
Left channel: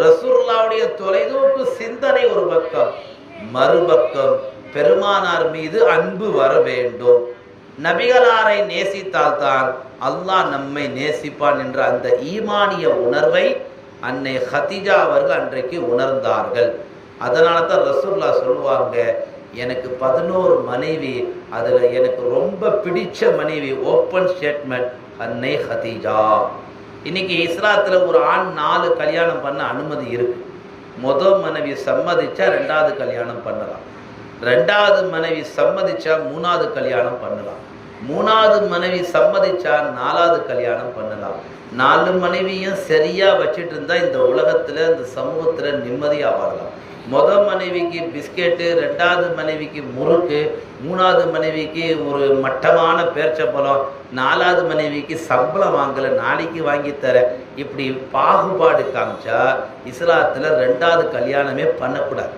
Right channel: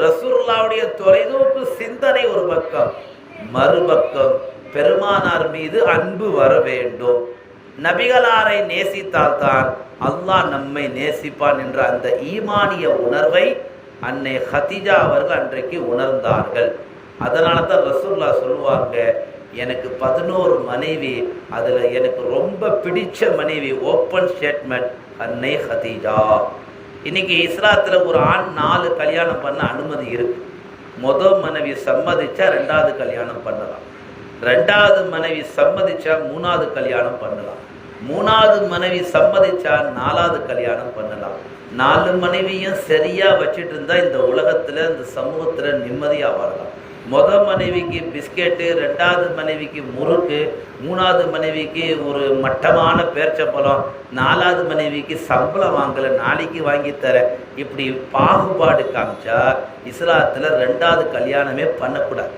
ரசூலுல்லாஹ்வுடைய தொலைநோக்கு சிந்தனை ஒரு பக்கம், மறுபக்கம் பெருமானார் மீது அன்பு வர வேண்டும். நபிகளாரை நேசித்தால்தான் அல்லாஹ் நம்மை நேசிப்பான் என்ற அந்த ஈமானிய உணர்வை அன்னை கதீஜா அவர்கள் அன்றைக்கு உணர்ந்தார்கள். அதனால தான் ரசூலுல்லாஹ் சொல்லுவாங்க, எனக்கு 11 மனைவி, அதில் எனக்கு ரொம்ப பிடிச்ச மனைவி, ஓப்பன் ஸ்டேட்மெண்ட், அன்னை கதீஜா. இன்னைக்கு இஸ்லாத்தில் ஒரு ஆண் 4 கல்யாணம் பண்ண அனுமதி இருக்கு. முதல் மனைவி சம்மதிச்சா 2வது கல்யாணம் பண்ணலாம், 2வது மனைவி சம்மதிச்சா 3வது கல்யாணம் பண்ணலாம், 3வது மனைவி சம்மதிச்சா 4வது கல்யாணம் பண்ணலாம், 4 மனைவியும் சரியா வச்சுட்டு இருந்தா இந்த உலகத்துல இந்த சமூகத்துல நிம்மதியா வாழலாம். மனைவிக்கு பிஸ்கெட்டு, 2வது மனைவிக்கு முறுக்கு, 3வது மனைவிக்கு ஒரு மட்டமான பேர்ச்சப்பழம், 4வது மனைவிக்கு சம்பளம் வாங்கல, நாளைக்கு வாங்கி தர, இப்படி பாகுபாடு காமிச்சா இஸ்லாத்துல 2வது கல்யாணமே பண்ணக்கூடாது.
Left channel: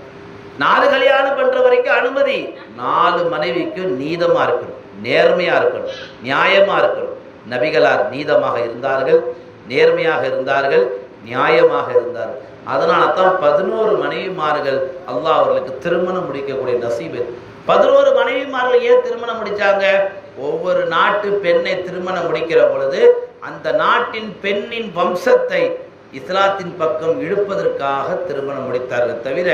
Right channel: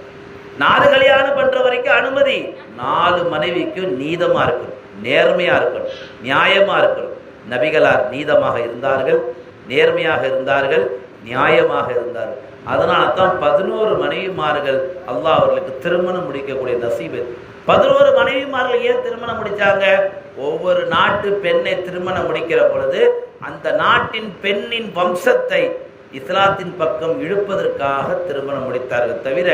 4 கல்யாணம் பண்ற வரைக்கும் அனுமதி. 4 மனைவிக்கும் நீதமா இருக்கணும், நேர்மையா இருக்கணும், நியாயமா இருக்கணும். நபிகளார் நீதமாக இருந்தார்கள், நேர்மையாக இருந்தார்கள், நியாயமாக இருந்தார்கள். அதனால தான் 11 மனைவிமார்கள் அல்லாஹ் அவர்களுக்கு திருமணம் முடிக்கக்கூடிய நசீபு. 11 மனைவிமார்கள் ஏன் திருமணம் முடிச்சாங்க? ஒவ்வொரு நாட்டு பெண்ணை திருமணம் முடிக்கிற பொழுது அந்த நாட்டின் பெண்ணின் வம்சத்தை இஸ்லாத்தின் பக்கம் இழுப்பதற்காக திருமணம் முடித்தார்கள், தவிர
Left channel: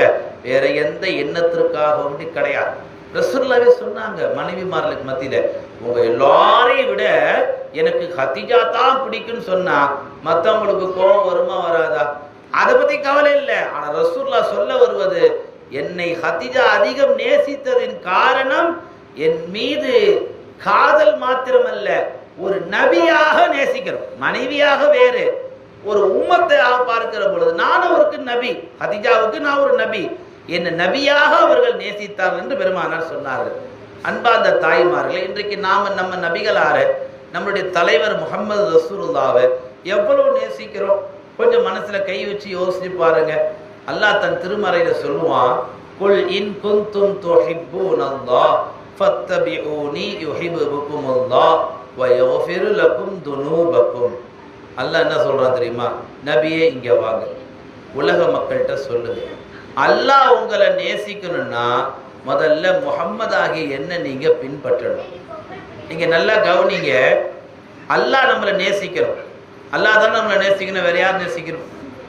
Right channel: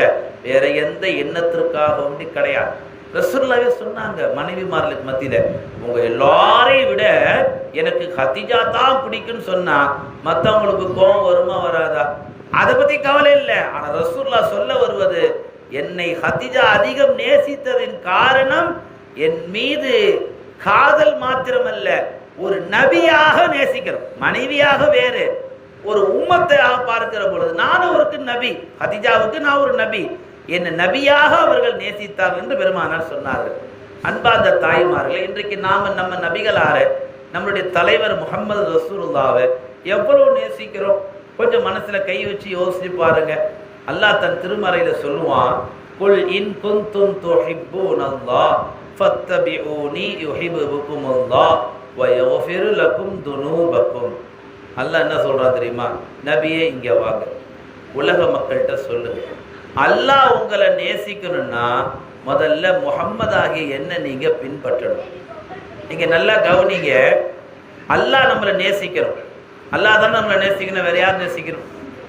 வேற எந்த எண்ணத்திற்காக கிடையாது. ரசூலுல்லாஹ் சொன்னாங்க மனைவிமார்களுக்கு மத்தியில, உங்க எல்லாரையும் விட எனக்கு ஹதீஜா தான் பிடிக்கும்னு சொன்னா மற்றவங்களுக்கு கோபம் வருமா வராதா? அதை பத்தி கவலை இல்லை. ஆனா ரசூலுல்லாஹ் சொல்ல வருவது, என்னை ஹதீஜா அதிகம் நேசித்ததின் காரணம் என் மீது காதல் மாத்திரமல்ல, ஒரு நபியாக நேசிக்கிறோம். மனைவியாக வேறு, ஒரு உம்மத்தையாக பார்க்கிற பொழுது நான் அவருக்கு நபி, ஹதீஜாவுக்கு நான் ஒரு நபி, என்ன நபியாக அவர்கள் நேசித்தார்கள் என்று பெருமானார் சொன்னார்கள். அன்பார்ந்த தாய்மார்களே, இன்றைக்கு நாம நம்ம நபிகளார நம்முடைய தலைவர் முஹம்மது ரசூலுல்லாஹ்வை எவ்வளவு நேசிக்கிறோம்? கொஞ்சம் மனசுல கை வச்சு யோசிச்சு பாருங்க. அல்லாஹ் தன் திருமறையில சொல்லுவான், குல் இன் குன்தும் துஹிப்பூனல்லாஹ் ஃபத்தபிஊனி யுஹிப்புகுமுல்லாஹ் வ யக்ஃபிரு லகும் துனூபகும். அல்லாஹ் என்ன சொல்றான் தெரியுமா? நபியே இங்க வாங்க, உலக மக்கள்கிட்ட சொல்லுங்க, அல்லாஹ் உங்களை நேசிக்கணும்னா முதல்ல முஹம்மது ஆகிய என்ன நீங்க பின்பற்றணும். நீங்க நல்லா கவனிங்க, அல்லாஹ் நம்மளை நேசிக்கிறோம். அல்லாஹ் தான் நம்மளை நேசிக்கணும், வேற யார் நேசிக்கணும்?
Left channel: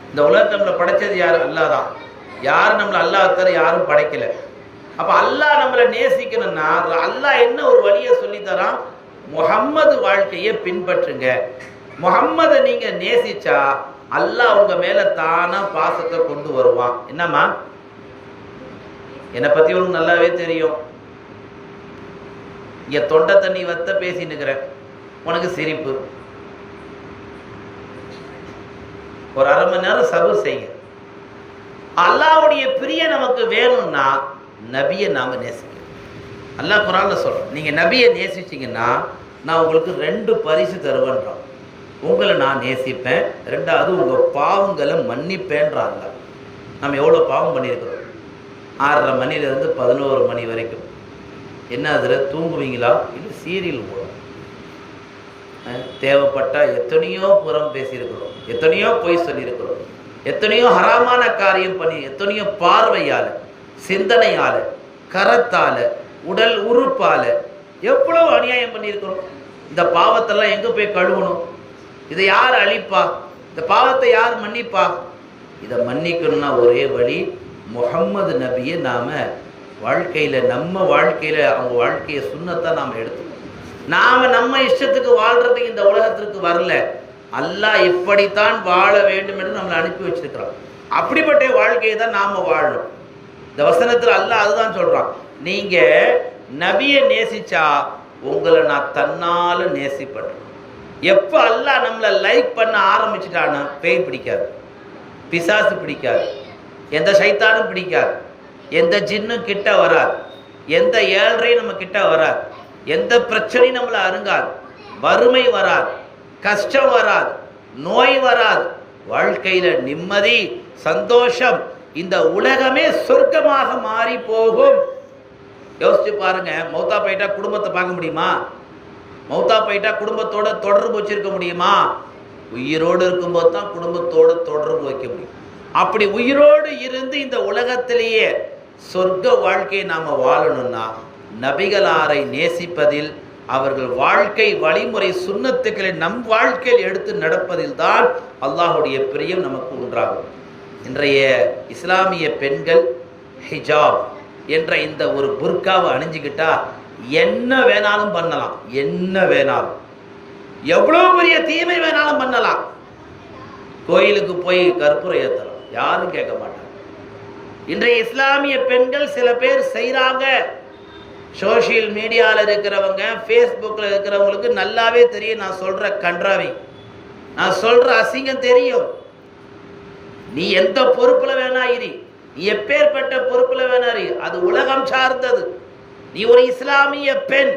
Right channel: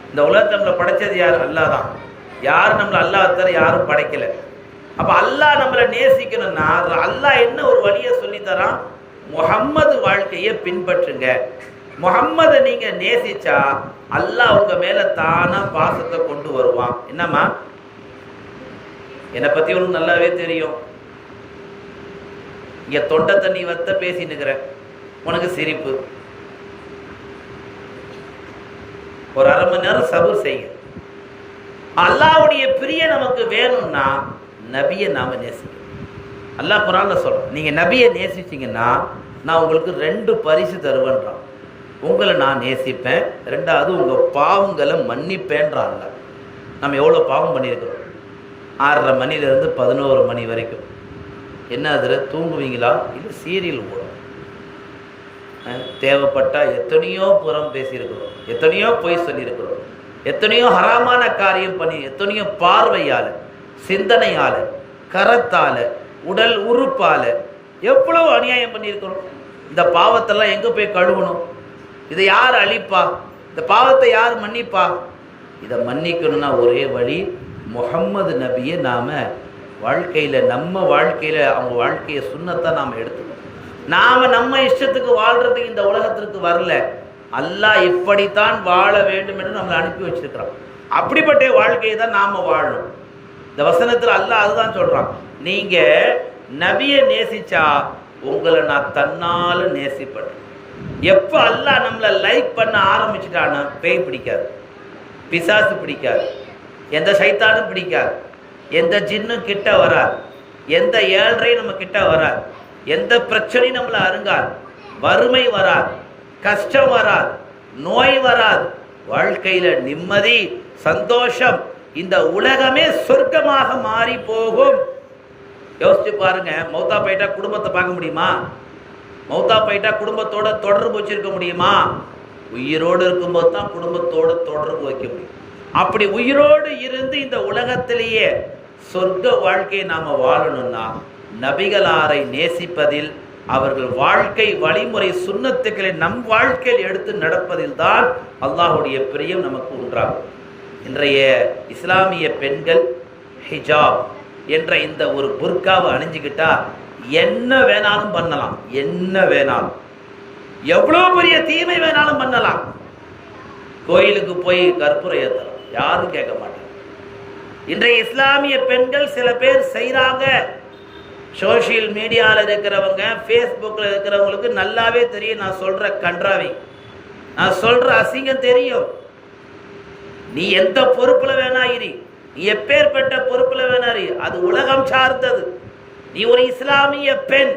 இந்த உலகத்தை நம்மளை படைச்சது யார்? அல்லாஹ் தான். யாரும் நம்மளை அல்லாஹ் தவிர யாரும் படைக்கல. அப்ப அல்லாஹ் நம்மளை நேசிக்கணும்னா அல்லாஹ் என்ன ஒரு வழியை சொல்லி தரான்? முஹம்மது வாழ்க்கையை பின்பற்றுங்க. முஹம்மதை நீங்க நேசிச்சா அல்லாஹ் உங்க மேல தானா பாசத்தை கொண்டு வருவான். என்னம்மா, என்னை பத்தி உனக்கு நல்லாவே தெரியும். இங்க தொண்டை தண்ணி வத்த பேசினுக்கிற உனக்கு சிரிப்பு. ஒரு 1/2 மணி நேரம் சபூர் செய்ய. அல்லாஹ்வுடைய பிரிய நமக்கு வேணும்னா நபியை நாம நேசிக்கணும். அல்லாஹ் குர்ஆன்ல சொல்றோம், நீங்க நபியை நேசிச்சீங்கன்னா நான் உங்களுக்கு 2 பரிசு தருவேன்றான். உங்களை நான் நேசிப்பேன், 2வது உங்க பாவங்களை மன்னிப்பேன்றான். நம்ம எவ்வளோ பாவம் பண்ணியிருக்கிறோம்? 6:30 மணிலேருந்து 11 மணி வரைக்கும். என்ன அதில் தூங்குவீங்களா? இல்லை சீரியல் போடும். தேவைப்பட்டா எத்தனையோ புறம் பேசியிருக்கிறோம், எத்தனையோ பொய் சொல்லியிருக்கிறோம், எத்தனையோ ஹராமான காரியம் பண்ணி, எத்தனையோ பார்வையால், சிந்தனையால், கரத்தால், உடல் உறுப்பால் எவ்வளவு அநியாயம் பண்ணியிருக்கிறோம். இந்த பாவத்தெல்லாம் எங்கே போய் கழுவணும்? இதை யார் அழிப்பா? இந்த பாவத்தை யார் மன்னிப்பா? இதை மன்னிக்கணும்னா ஒரே வழி, முஹம்மது நபியை நாம் வாழ்க்கையில், நம்ம வாழ்க்கையில் அவங்க வாழ்க்கையை சுன்னத்தை நாம் எடுத்துக்கணும். நாம் நம்ம இஷ்டத்துக்கு வாழ்கிறதுக்கு இந்த உலகத்திற்கு வரல. அல்லாஹ் இப்படித்தான் வாழ வேண்டும் என்று நம்மளை அனுப்பி வச்சிருக்கிறான். அப்படிப்பட்ட வாழ்க்கையை தான் நாம் வாழணும். இந்த வசனத்தில் அல்லாஹ் அதுதான் சொல்கிறான், நீங்கள் நபியை நேசிச்சா உங்களை நான் தன்னால் நேசிப்பேன். எப்போ அல்லாஹ் நம்மளை லைக் பண்ண ஆரம்பிச்சுட்டான்னு பேய் பிடிக்காது, பிசாசு பிடிக்காது, எந்த சைத்தானும் பிடிக்காது, எந்த ஜின்னும் கிட்ட வராது, எந்த ஏழ்றையும் நம்ம கிட்ட வராது, எந்த பிரச்சனையும் நம்மளை அருங்காது, வறுமை வராது, கஷ்டம் வராது, நோய் வராது, வாழ்க்கையில நிம்மதி, சந்தோஷம், இந்த உலகமே சொர்க்கமாக மாறி போகும். யோசிச்சு பாருங்க, மௌத்தா போயிட்டா குடும்பத்தை பார்க்க முடியுமா? மௌத்தா போயிட்டா குடும்பத்தோட தொடர்பு வச்சிருக்க முடியுமா? உயிரோடு இருக்கும்போது தான் குடும்பத்தோட தொடர்பு வைக்க முடியும். அப்படி உயிரோடு இருந்து இந்த உலகத்திலேயே சொர்க்க வாழ்க்கையை நாம வாழணும்னா நபிகளாரை நேசிப்பதில், அவர்கள் வாழ்க்கை வழிமுறை சுன்னத்துக்களை நம் வாழ்க்கையில் எடுத்து நடப்பதில் தான் அல்லாஹுடைய பிரியம் நமக்கு உண்டாகும். இன்றைய இஸ்லாமிய பெண்கள் ஹிஜாப் என்ற இந்த ஒரு புர்காவை அணிஞ்சுக்கிட்டா என்ன வேணாலும் பண்ணலாம், என்ன வேணாலும், எவ்வளவு பெரிய தீமை வேணாலும் பண்ணலாம். கோயிலுக்கு போய் கற்பூரம் ஏற்றலாம், யாரும் கேட்க மாட்டாங்க. இன்றைய இஸ்லாமிய பெண்கள் சில பேர் செய்கிறாங்க. சோசியல் மீடியாவில் இருக்கிறவங்க, ஃபேஸ்புக்கில் இருக்கிறவங்களுக்கு நல்லாவே தெரியும் நான் சொல்கிற கன்றாவி. நான் சொல்ற அசிங்கம் தெரியும். நீ எந்த பொறுப்புல வேணா இரு, நீ எப்பேற்பட்ட பொறுப்புல வேணா இரு, அது உலகம் சார்ந்தது. நீ ஒரு இஸ்லாமிய பெண்,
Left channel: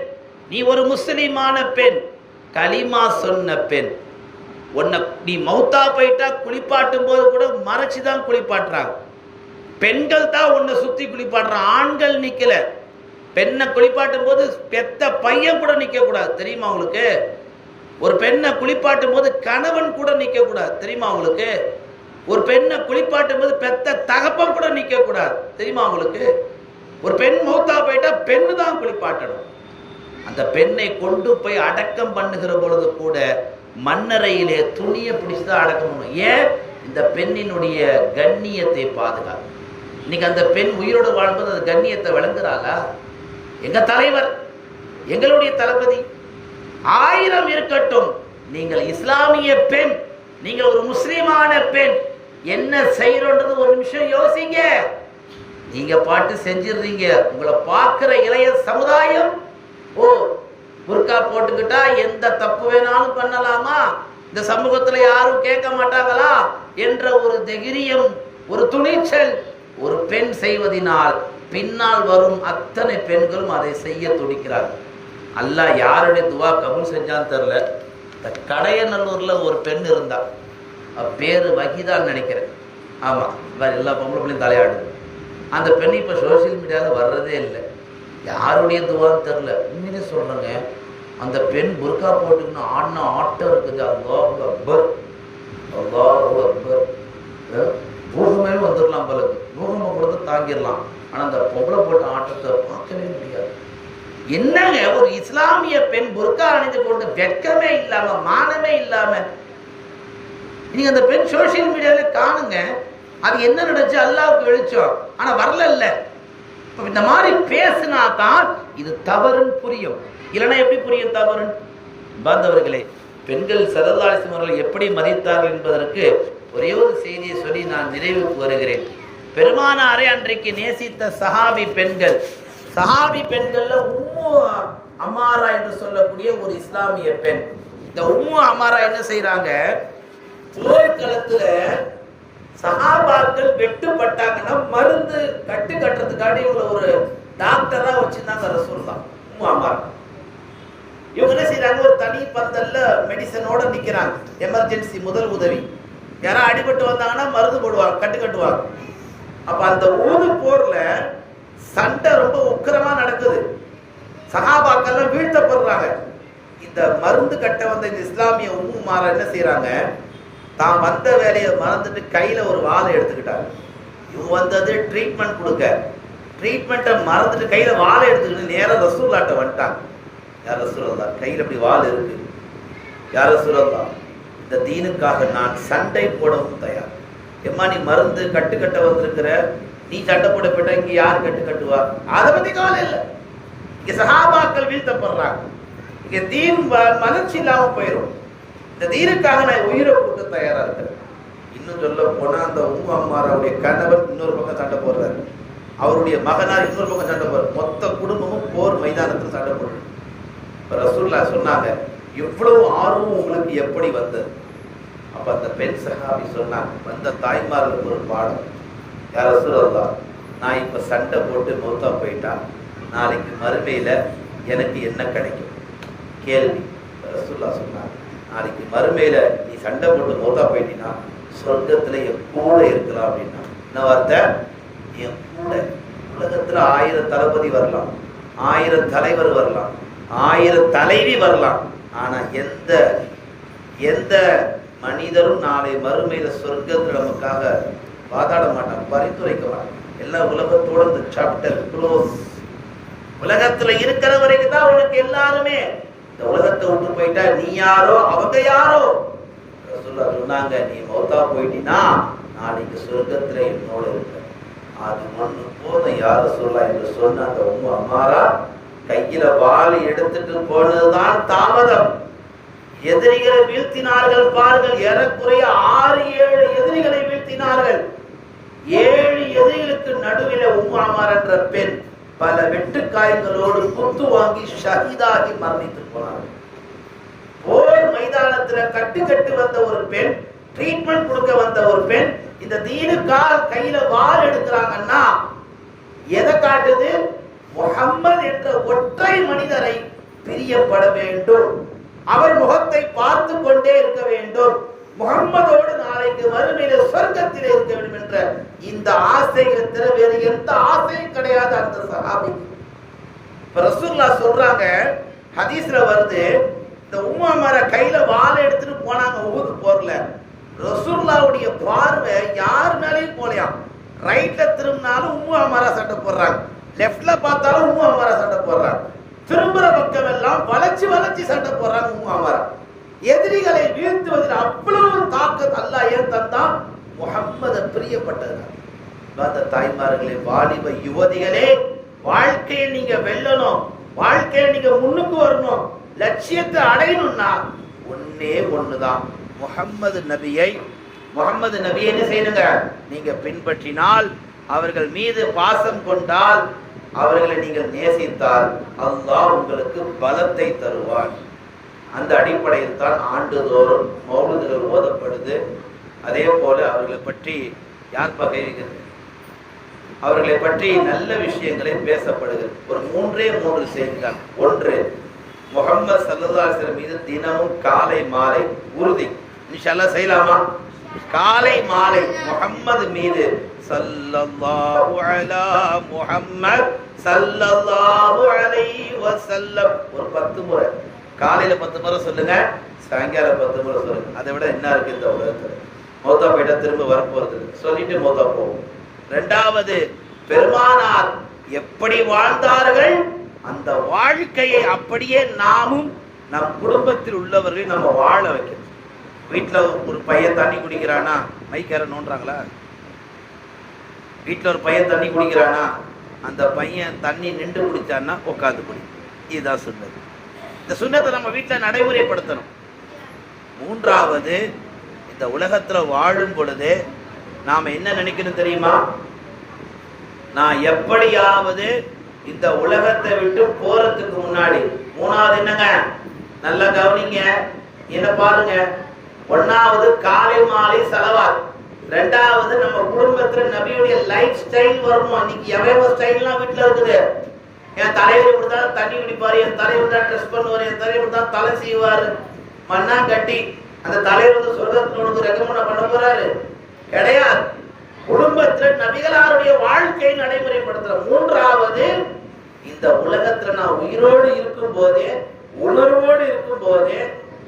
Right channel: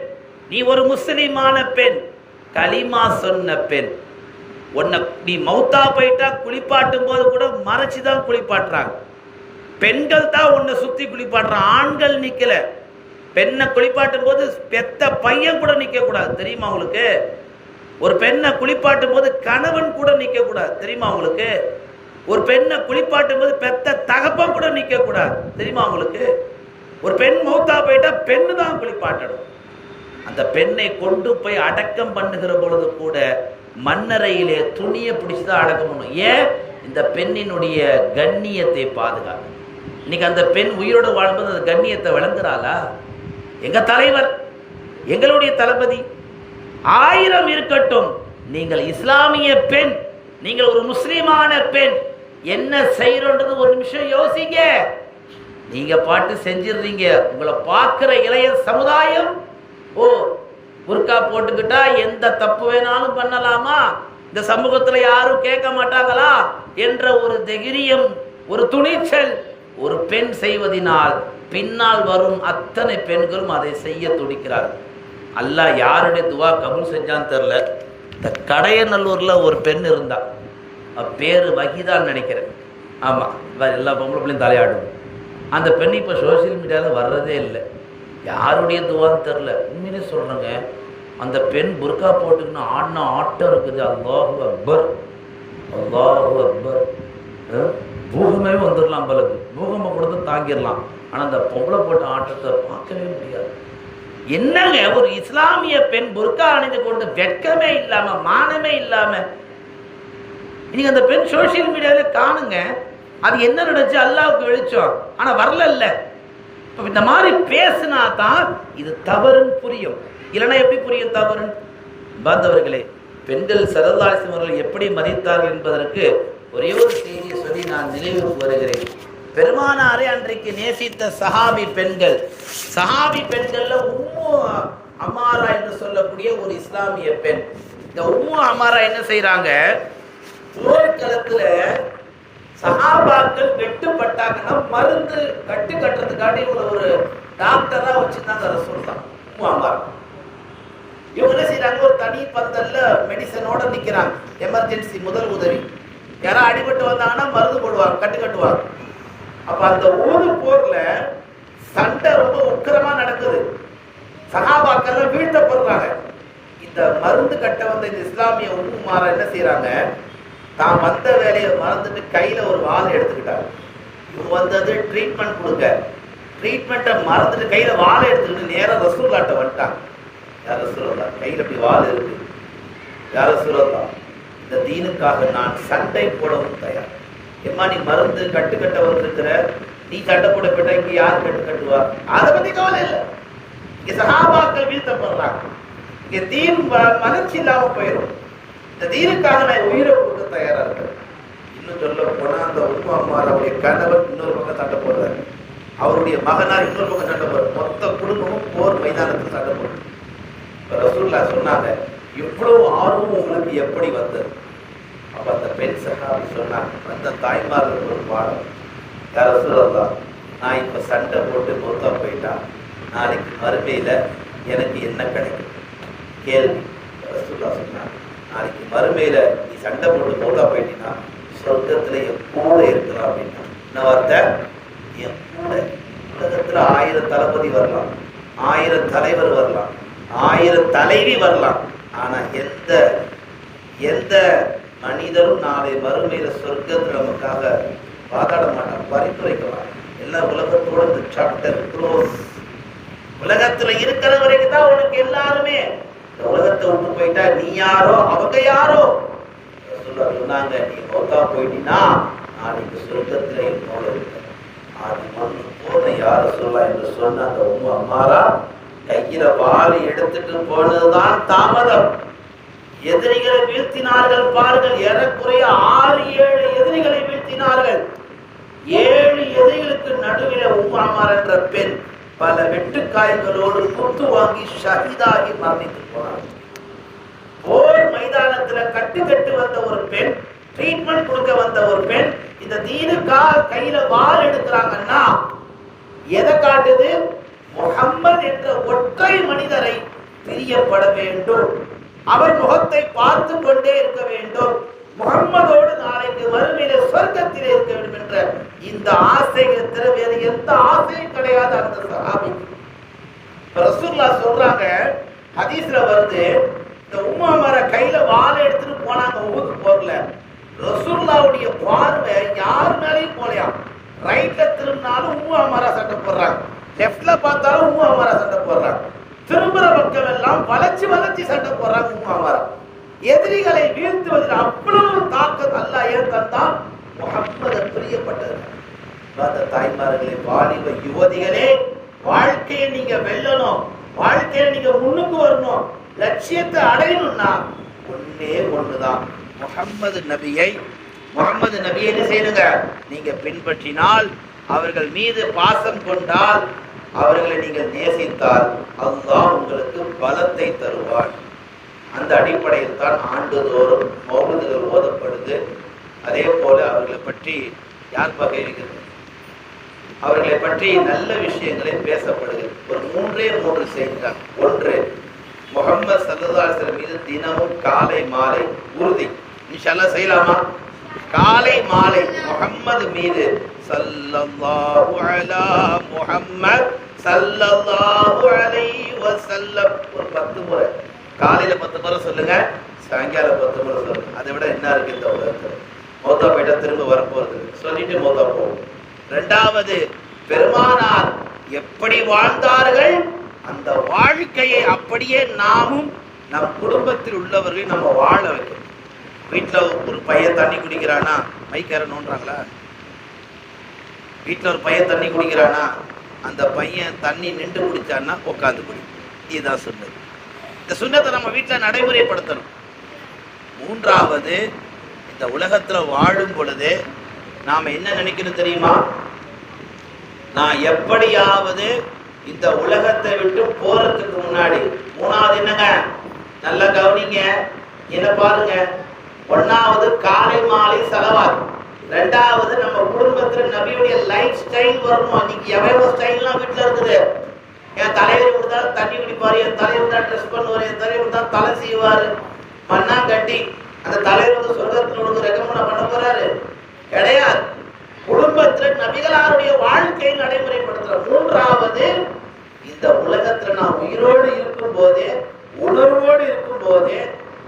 நீ ஒரு முஸ்லிமான பெண், கலிமா சொன்ன பெண். உன்னை நீ மௌத்தா போயிட்டா குளிப்பாட்டும் போது கூட மறைச்சுதான் குளிப்பாட்டுறாங்க. பெண்கள் தான் உன்னை சுத்தி குளிப்பாட்டுறான், ஆண்கள் நிக்கல. பெண்ணை குளிப்பாட்டும் போது பெத்த பையன் கூட நிக்க கூடாது, தெரியுமா உங்களுக்கு? ஒரு பெண்ணை குளிப்பாட்டும் போது கணவன் கூட நிக்க கூடாது, தெரியுமா உங்களுக்கு? ஒரு பெண்ணை குளிப்பாட்டும் போது பெத்த தகப்பன் கூட நிக்க கூடாது, தெரியுமா உங்களுக்கு? ஒரு பெண் மௌத்தா போயிட்டா பெண்ணு தான் குளிப்பாட்டணும். அந்த பெண்ணை கொண்டு போய் அடக்கம் பண்ணுகிற பொழுது கூட மண்ணறையிலே துணியை பிடிச்சுதான் அடக்கம் பண்ணும். ஏன்? இந்த பெண்ணினுடைய கண்ணியத்தை பாதுகாக்கும். இன்னைக்கு அந்த பெண் உயிரோடு வாழ்ம்போது அந்த கண்ணியத்தை விளங்குறாளா? எங்க தலைவர், எங்களுடைய தளபதி 1000 இருக்கட்டும், நீங்கள் இஸ்லாமிய பெண், நீங்கள் ஒரு முஸ்லிமான பெண், என்ன செய்யறது ஒரு நிமிஷம் யோசிங்க. நீங்க பாட்டு செஞ்சிடுறீங்க. உங்களை பார்க்கிற இளைய சமுதாயம், ஓ புர்கா போட்டுக்கிட்டா எந்த தப்பு வேணாலும் பண்ணலாமா, இந்த சமூகத்துல யாரும் கேட்க மாட்டாங்களா என்ற ஒரு தைரியம், ஒரு துணிச்சல் ஒரு பெண் செய்வதனால் பின்னால் வரும் அத்தனை பெண்களும் அதை செய்ய துடிக்கிறார்கள். அல்லாஹ் யாருடைய துவா கபூல் செஞ்சான்னு தெரியல. இந்த கடையநல்லூர்ல ஒரு பெண் இருந்தா, பேரு வகிதான்னு நினைக்கிறேன். ஆமா, வேற எல்லா பொம்பளையும் தலையாடுது. அந்த பெண் இப்ப சோசியல் மீடியாவில் வர்றதே இல்லை. யாருடைய துவான்னு தெரியல. உண்மையிலே சொல்றேங்க, அந்த பெண் புர்கா போட்டுக்கணும் ஆடின ஆட்டம் இருக்குது. அல்லாஹு அக்பர், அல்லாஹு அக்பர். பூகமே வந்துடலாம், பலது பூகமை கொடுத்து தாங்கிடலாம். ஆனா அந்த பொம்பளை போட்ட ஆட்டத்தை பார்க்கவே முடியாது. என்னங்க, ஒரு இஸ்லாமிய பெண் புர்கா அணிந்து கொண்டு வெட்கமே இல்லாம மானமே இல்லாம நீங்க அந்த பெண் சோசியல் மீடியாவில காணுங்க. அது என்ன நடந்துச்சு அல்லாஹ்வுக்கு வெளிச்சம். ஆனா வரல இல்ல. இந்த மாதிரி பேசினா தான் இது தவறுன்னு புரியும். இல்லைன்னா எப்படி புரியும் தவறுன்னு? பாந்தவர்களே, பெண்கள் ஸல்லல்லாஹு அலைஹி வஸல்லம் அவர்கள் எப்படி மதித்தார்கள் என்பதற்கு ஒரே ஒரு செய்தியை சொல்லி நான் நினைவுக்கு வருகிறேன். பெருமானாரை அன்றைக்கு நேசித்த சஹாபி பெண்கள், சஹாபி பெண்கள்ல உம்மு அமாரா என்று சொல்லக்கூடிய ஒரு இஸ்லாமிய பெண். இந்த உம்மு அமாரா என்ன செய்யறாங்க, போர்க்களத்துல சஹாபாக்கள் வெட்டுப்பட்டாங்கன்னா மருந்து கட்டுறதுக்காண்டி ஒரு டாக்டரா வச்சிருந்தாங்க ரசூலுல்லாஹ். உம்மு அமாரா இவங்க என்ன செய்யறாங்க, ஒரு தனி பந்தல்ல மெடிசனோட நிக்கிறாங்க. எமர்ஜென்சி முதல் உதவி, யாராவது அடிபட்டு வந்தாங்கன்னா மருந்து போடுவாங்க, கட்டுவாங்க. அப்ப அந்த ஊரு போர்ல சண்டை ரொம்ப உக்கிரமா நடக்குது. சஹாபாக்கள் வீழ்த்தப்படுறாங்க. இந்த மருந்து கட்ட வந்த இந்த இஸ்லாமிய உம்மு அமாரா என்ன செய்யறாங்க, தான் வந்த வேலையை மறந்துட்டு கையில ஒரு வாளை எடுத்துக்கிட்டாங்க. இவங்க வந்தது ட்ரீட்மெண்ட் கொடுக்க, ட்ரீட்மெண்ட்டை மறந்துட்டு கையில வாளை எடுத்துக்கிட்டு நேரம் ரசூலுல்லாஹ்ட்ட வந்துட்டாங்க. யார் ரசூலுல்லாஹ், கையில இப்படி வாள் இருக்கு. யார் ரசூலுல்லாஹ், இந்த தீனுக்காக நான் சண்டை போடவும் தயார். எம்மா நீ மருந்து கட்ட வந்திருக்கிற, நீ சண்டை போட போட்டா இங்க யார் கட்டுவா? அதை பத்தி கவலை இல்லை. இங்க சஹாபாக்கள் வீழ்த்தப்படுறாங்க. இங்க தீன் மலர்ச்சி இல்லாம போயிடும். இந்த தீனுக்காக நான் உயிரை கொடுக்க தயாரா இருக்கிறேன். இன்னும் சொல்ல போனா அந்த உம்மு அமாராவுடைய கணவன் இன்னொரு பக்கம் சண்டை போடுறாரு, அவருடைய மகனார் இன்னொரு பக்கம் சண்டை போடுறாரு. மொத்த குடும்பமும் போர் மைதானத்துக்கு சண்டை போடுறாரு. ரசூலுல்லாஹ் சொன்னாங்க, எவ்வளவு ஆர்வம் உங்களுக்கு எப்படி வந்தது? அப்ப அந்த பெண் சஹாபி சொன்னாங்க, அந்த தாய்மார்களுக்கு ஒரு பாடம். யார் ரசூலுல்லாஹ், நான் இப்ப சண்டை போட்டு மௌத்தா போயிட்டா நாளைக்கு மறுமையில எனக்கு என்ன கிடைக்கும்? கேள்வி. ரசூலுல்லாஹ் சொன்னாங்க, நாளைக்கு மறுமையில நீ சண்டை போட்டு மௌத்தா போயிட்டீங்கன்னா சொர்க்கத்துல என் கூட இருக்கலாம் அப்படின்னா. என்ன வார்த்தை? என் கூட. உலகத்துல 1000 தளபதி வரலாம், 1000 தலைவர் வரலாம், 1000 தலைவி வரலாம். ஆனா எந்த மனிதரும் நாளை மறுமையில சொர்க்கத்துல நமக்காக வாதாட மாட்டான், பரிந்துரைக்கலாம். எல்லா உலகத்தோட இந்த சாப்டர் க்ளோஸ். உலகத்துல இருக்கிற வரைக்கும் தான் உனக்கு எல்லாருமே. இந்த உலகத்தை விட்டு போயிட்டா நீ யாரோ அவங்க யாரோ. சொன்னாங்க, நீ மௌத்தா போயிட்டீங்கன்னா நாளைக்கு சொர்க்கத்துல என்னோட இருக்க. அது வந்து போன யார சொல்லலாம் என்று சொன்ன அந்த உம்மு அமாரா கையில வாளை எடுத்துட்டு போனதுதான் தாமதம். எதிரிகளை வீழ்த்தினார்கள் பாருங்கள். ஏறக்குறைய 6-7 எதிரிகளை வீழ்த்தினார்கள். 7 எதிரிகளுக்கு நடுவில் உம்மு அமாரா என்ற பெண் பல வெட்டுக்காயங்களோடு குத்து வாங்கி ஷஹீதாகி மரணித்து போனார்கள். போர் மைதானத்துல கட்டு வந்த ஒரு பெண், ட்ரீட்மெண்ட் கொடுக்க வந்த ஒரு பெண் இந்த தீனுக்காக கையில வாள் எடுக்கிறாங்கன்னா எதை காட்டுது? முஹம்மது என்ற ஒற்றை மனிதரை பிரியப்பட வேண்டும், அவர் முகத்தை பார்த்து கொண்டே இருக்க வேண்டும், முகம்மதோடு நாளைக்கு வறுமையில சொர்க்கத்தில் இருக்க வேண்டும் என்ற இந்த ஆசையை தவிர வேறு எந்த ஆசையும் கிடையாது அந்த சஹாபிக்கு. ரசூலுல்லாஹ் சொல்றாங்க, ஹதீஸ்ல வருது, இந்த உம்மாமர கையில வாளை எடுத்துட்டு போனாங்க ஊருக்கு போறல. ரசூலுல்லாஹ்வுடைய பார்வை யார் மேலேயும் போலையாம். ரைட்ல திரும்பினாலும் உம்மாமரா சண்டை போடுறாங்க, லெஃப்ட்ல பார்த்தாலும் உம்மாமரா சண்டை போடுறாங்க, திரும்புற பக்கம் எல்லாம் வளைச்சு சண்டை போடுறாங்க உம்மாமரா. எதிரிகளை வீழ்த்துவதில் அவ்வளவு தாக்கத் அல்லாஹ் ஏன் தந்தான்? முஹம்மதை பிரியப்பட்டது. தாய்மார்களே, வாலிப யுவதிகளே, வாழ்க்கையை நீங்க வெல்லணும், வாழ்க்கையில நீங்க முன்னுக்கு வரணும், லட்சியத்தை அடையணும்னா ஒன்னே ஒண்ணுதான், முஹம்மது நபியை என்ன செய்யுங்க, நீங்க பின்பற்றினால், அவர்கள் மீது பாசம் கொண்டால், அவர்களை நீங்கள் நேசித்தால் அல்லாஹ் உங்களுக்கு பலத்தை தருவார். அந்த அடிப்படையில் தான் ஆண்டுதோறும் மௌலிதுகள் ஓதப்படுது. அதே போல அவர்களை பற்றி யார் பகைகிறது, அவர்களை பற்றி நல்ல விஷயங்களை பேசப்படுகிறது. ஒரு மூன்றே செய்திகள். ஒன்று, முஹம்மது ஸல்லல்லாஹு அலைஹி வஸல்லம் மீது தினமும் காலை மாலை உறுதி, இன்ஷா அல்லாஹ் செய்யலாமா? காலை மாலை முஹம்மது மீது ஸல்லல்லாஹு அலா முஹம்மத் ஸல்லல்லாஹு அலைஹி வஸல்லம் ஒரு 10 முறை, காலையில 10 முறை சொல்லுங்க, சாயங்காலம் 10 முறை சொல்லுங்க. அதை விட என்ன இருக்கு இந்த உலகத்துல? மௌத்தா போயிட்டா திரும்ப வரப்போறது, சொல்லிட்டு மௌத்தா போகும். இரண்டாவது, பெருமானார் எப்படி வாழ்ந்தார்கள் அந்த வாழ்க்கையை அப்படியே நாமும் நம் குடும்பத்தில் உள்ளவர்கள் நம்ம வாழ வைக்கணும். வீட்டுல ஒரு பையன் தண்ணி குடிக்கிறானா மைக்கார நோன்றாங்களா? வீட்டுல ஒரு பையன் தண்ணி குடிக்கிறானா, அந்த பையன் தண்ணி நின்று குடிச்சான்னா உட்காந்து குடி. இதுதான் சொன்னது. இந்த சுன்னத்தை நம்ம வீட்டுல நடைமுறைப்படுத்தணும். மூன்றாவது, இந்த உலகத்துல வாழும் பொழுது நாம என்ன நினைக்கணும் தெரியுமா? நான் எப்படியாவது இந்த உலகத்தை விட்டு போறதுக்கு முன்னாடி, மூணாவது என்னங்க, நல்லா கவனிங்க, என்ன பாருங்க, ஒன்னாவது காலை மாலை செலவார், ரெண்டாவது நம்ம குடும்பத்துல நபியுடைய லைஃப் ஸ்டைல் வரணும். அன்னைக்கு எவ்வளவு ஸ்டைல்லாம் வீட்டுல இருக்குது. என் தலைவர் இப்படிதான் தண்ணி குடிப்பாரு, என் தலைவர் தான் ட்ரெஸ் பண்ணுவாரு, என் தலைவர் தான் தலை செய்வாரு, மண்ணா கட்டி அந்த தலைவர் வந்து சொர்க்கத்தினோடு ரெக்கமெண்ட் பண்ண போறாரு கிடையாது. குடும்பத்தில் நபிகளாருடைய வாழ்க்கையை நடைமுறைப்படுத்துற. மூன்றாவது, இந்த உலகத்துல நான் உயிரோடு இருக்கும் போதே, உணர்வோடு இருக்கும் போதே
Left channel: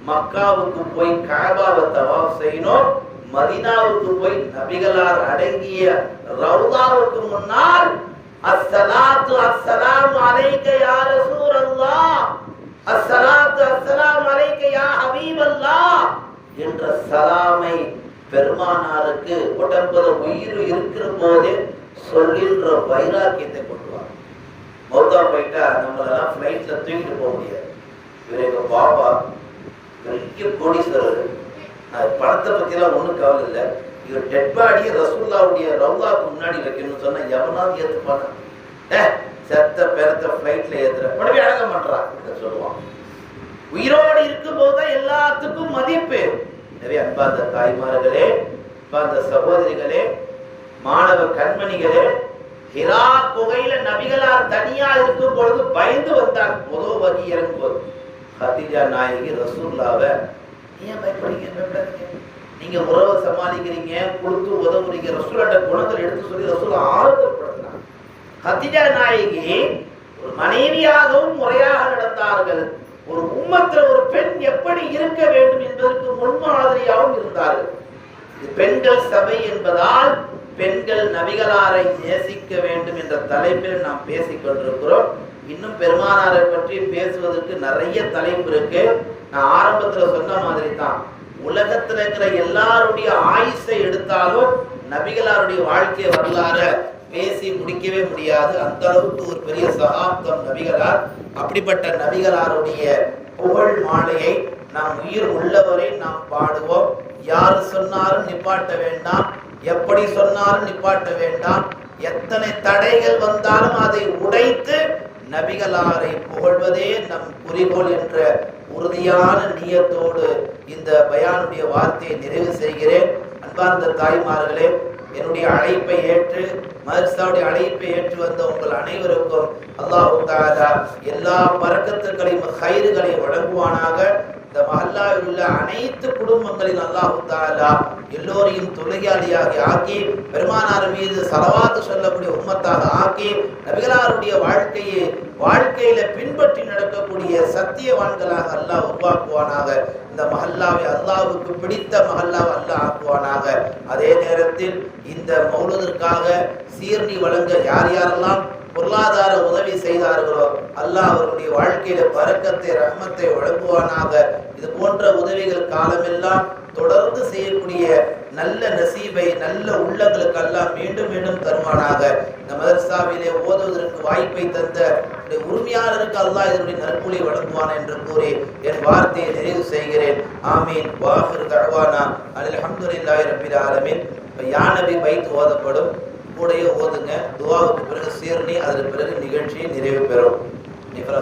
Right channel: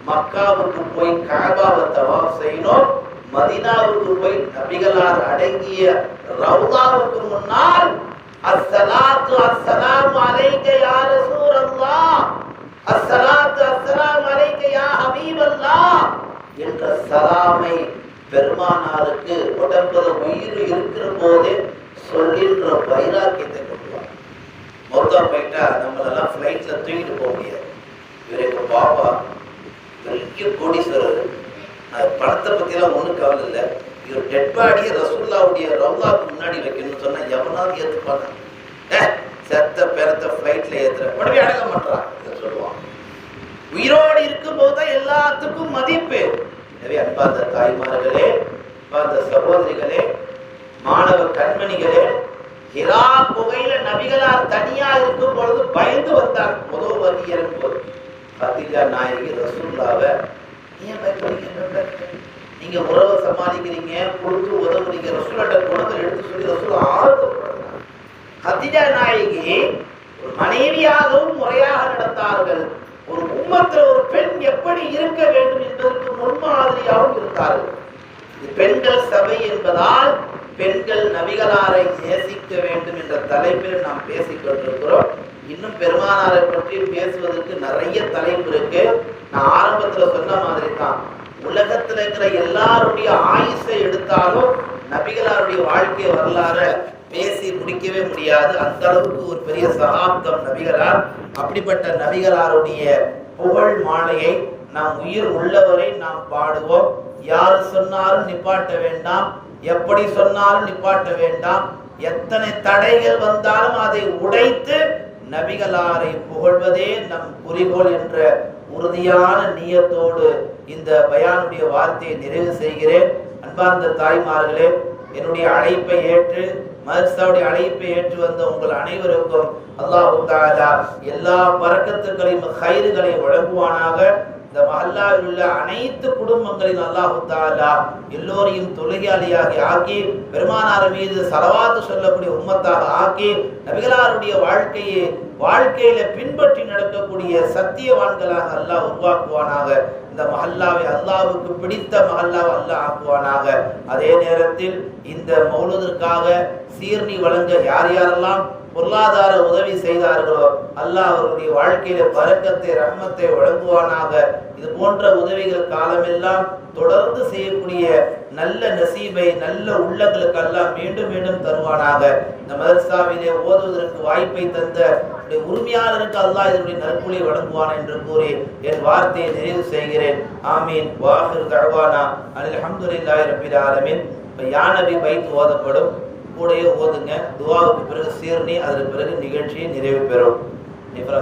மக்காவுக்கு போய் காபாவை தவாஃப் செய்யணும், மதீனாவுக்கு போய் நபிகளார் அடங்கிய ரவுதாவுக்கு முன்னால் அஸ்ஸலாத்து அஸ்ஸலாமு அலைக்க யா ரசூலல்லாஹ், அஸ்ஸலாத்து அஸ்ஸலாமு அலைக்க யா ஹபீபல்லாஹ் என்ற சலாமை பெருமானாருக்கு உடம்புல உயிர் இருக்கிற போதே சொல்கின்ற வைராக்கியத்தை கொண்டுவார். மௌத்தா போயிட்டா நம்மளெல்லாம் ஃபிளைட்ல தூக்கிட்டு போக முடியாது. இவருக்கு பாபா பெரிய கோடீஸ்வரர், பணத்தை பத்தியெல்லாம் ஒன்றும் கவலை இல்லை. இவர் டெட் பாடியை ரசூலுல்லாஹ்வுடைய ரவுதாவுக்கு முன்னாடி வைக்கணும்னு சொன்னா எவனாவது ஏற்றுப்பாங்க? செத்த பெறத்த ஃபிளைட்ல ஏத்துற உடனே அடங்க மாட்டான் சொல்லுவான். உயிரோடு இருக்கும் போதுதான் எல்லாத்துக்கும் மதிப்பு. எனவே அன்பார்ந்த தாய்மார்களே, அன்பார்ந்த சகோதரிகளே, மாணவ கண்மணிகளே, ஹிரா குகையில நபிகளார் தனியா இருக்கும் பொழுது பயந்து வந்தார். முதல் வரி இறங்கும் போது கதீஜா நாயகி ரசூலுல்லாஹ்வை, ஏன் பயப்படுறீங்க? நீங்க உறவை சமாளிக்கிறீங்க, கொடுத்து உதவுறீங்க, ரசூலுல்லாஹ்ட்ட குணங்கள் எடுத்து சொல்லி ரசூலுல்லாஹ் ஆறுதல்படுறாங்க. கதீஜா நாயகி ஒரு மனைவியாகவும் முறையாக நடந்தார்கள். ஒரு உம்மத்துல ஒரு பெண் எப்படி இருக்க வேண்டும் என்பதற்கு முன்மாதிரியாகவும் இருந்தார்கள். இது பெண்கள் சபை என்பதால் பெண்கள் நபிகளாரை நேசிக்க வேண்டும் என்ற தலைப்பில் நாம் பேசிக் கொண்டிருக்கிறோம். இன்னும் பெருமானாரை பற்றி பேசுவதற்கு நிறைய தலைப்பு இருக்கு. நான் ஆரம்பத்துல சொன்ன மாதிரி தான், உலகத்துல இருக்கிற எல்லாருடைய ஆயுசை எடுத்தாலும் நபிகளாருடைய வாழ்க்கை வரலாறு பேசி முடிக்கவே முடியாது. அந்த அளவுக்கு ஒரு பெரிய சகாப்தம் நபிகளார். அப்படிப்பட்ட நபிகளாருடைய புகழ் மாலையை நாம் உயிர் உள்ளவரை நாம் பாடுவோம். யாரு சொன்னாலும் நிப்பாட்ட வேண்டாம், எப்படி சொன்னாலும் நிப்பாட்ட வேண்டாம். எத்தனை தடைகள் வந்தாலும் அதை உடைத்து நபிகளாரை புகழ்வதே நம் குறிக்கோள் என்ற உறுதியான நியத்தோடு இந்த பயானுடைய வார்த்தையை நிறைவு செய்கிறேன். அன்பார்ந்த தாய்மார்களே, என்னுடைய அழைப்பை ஏற்று மதரசாவுடைய அழைப்பை ஏற்று வந்த உங்கள் அனைவருக்கும் அல்லாஹ் தஆலா எல்லா பரக்கத்துகளையும் கைறுகளையும் வழங்குவானாக. இந்த மஹல்லாவில் உள்ள அனைத்து குடும்பங்களின் அல்லாஹ் தஆலா எல்லோரையும் தொழுகையாளியாகி ஆக்கி, பெருமானார் மீது ஸலவாத்து சொல்லக்கூடிய உம்மத்தாக ஆக்கி, நபிகளாருடைய வாழ்க்கையில பின்பற்றி நடக்கக்கூடிய சத்தியவான்களாக அல்லாஹ் உருவாக்குவானாக. இந்த மஹல்லாவை அல்லாஹ்வுக்கு பிடித்த மஹல்லாவை அல்லாஹ் ஆக்குவானாக. அதே நேரத்தில் இந்த மௌலூதிற்காக சீர்ணி வழங்க யார் யாரெல்லாம் பொருளாதார உதவி செய்தார்களோ அல்லாஹ் அவர்களுடைய வாழ்க்கையில பரக்கத்தை ரஹ்மத்தை வழங்குவானாக. இது போன்ற உதவிகள் காலமெல்லாம் தொடர்ந்து செய்யக்கூடிய நல்ல நசீபை நல்ல உள்ளங்களுக்கு அல்லாஹ் மீண்டும் மீண்டும் தருவானாக. இந்த மதரசாவிலே ஓதுவதற்கு வாய்ப்பை தந்த உரிமையாளருக்கு அல்லாஹ் இதனுடைய நற்கூலி வழங்குவான் என்று கூறி என் வார்த்தையை நிறைவு செய்கிறேன். ஆமீன். வாஹிர் தஅவானா அல்ஹம்துலில்லாஹி ரப்பில் ஆலமீன். யா நபி பைத் ஓதப்படும், கூடையே ஓதுங்க. துஆவுக்கு பிறகு சீர்ணி, அதற்கு பிறகு நிகழ்ச்சியை நிறைவு பெறும். நிஃபரா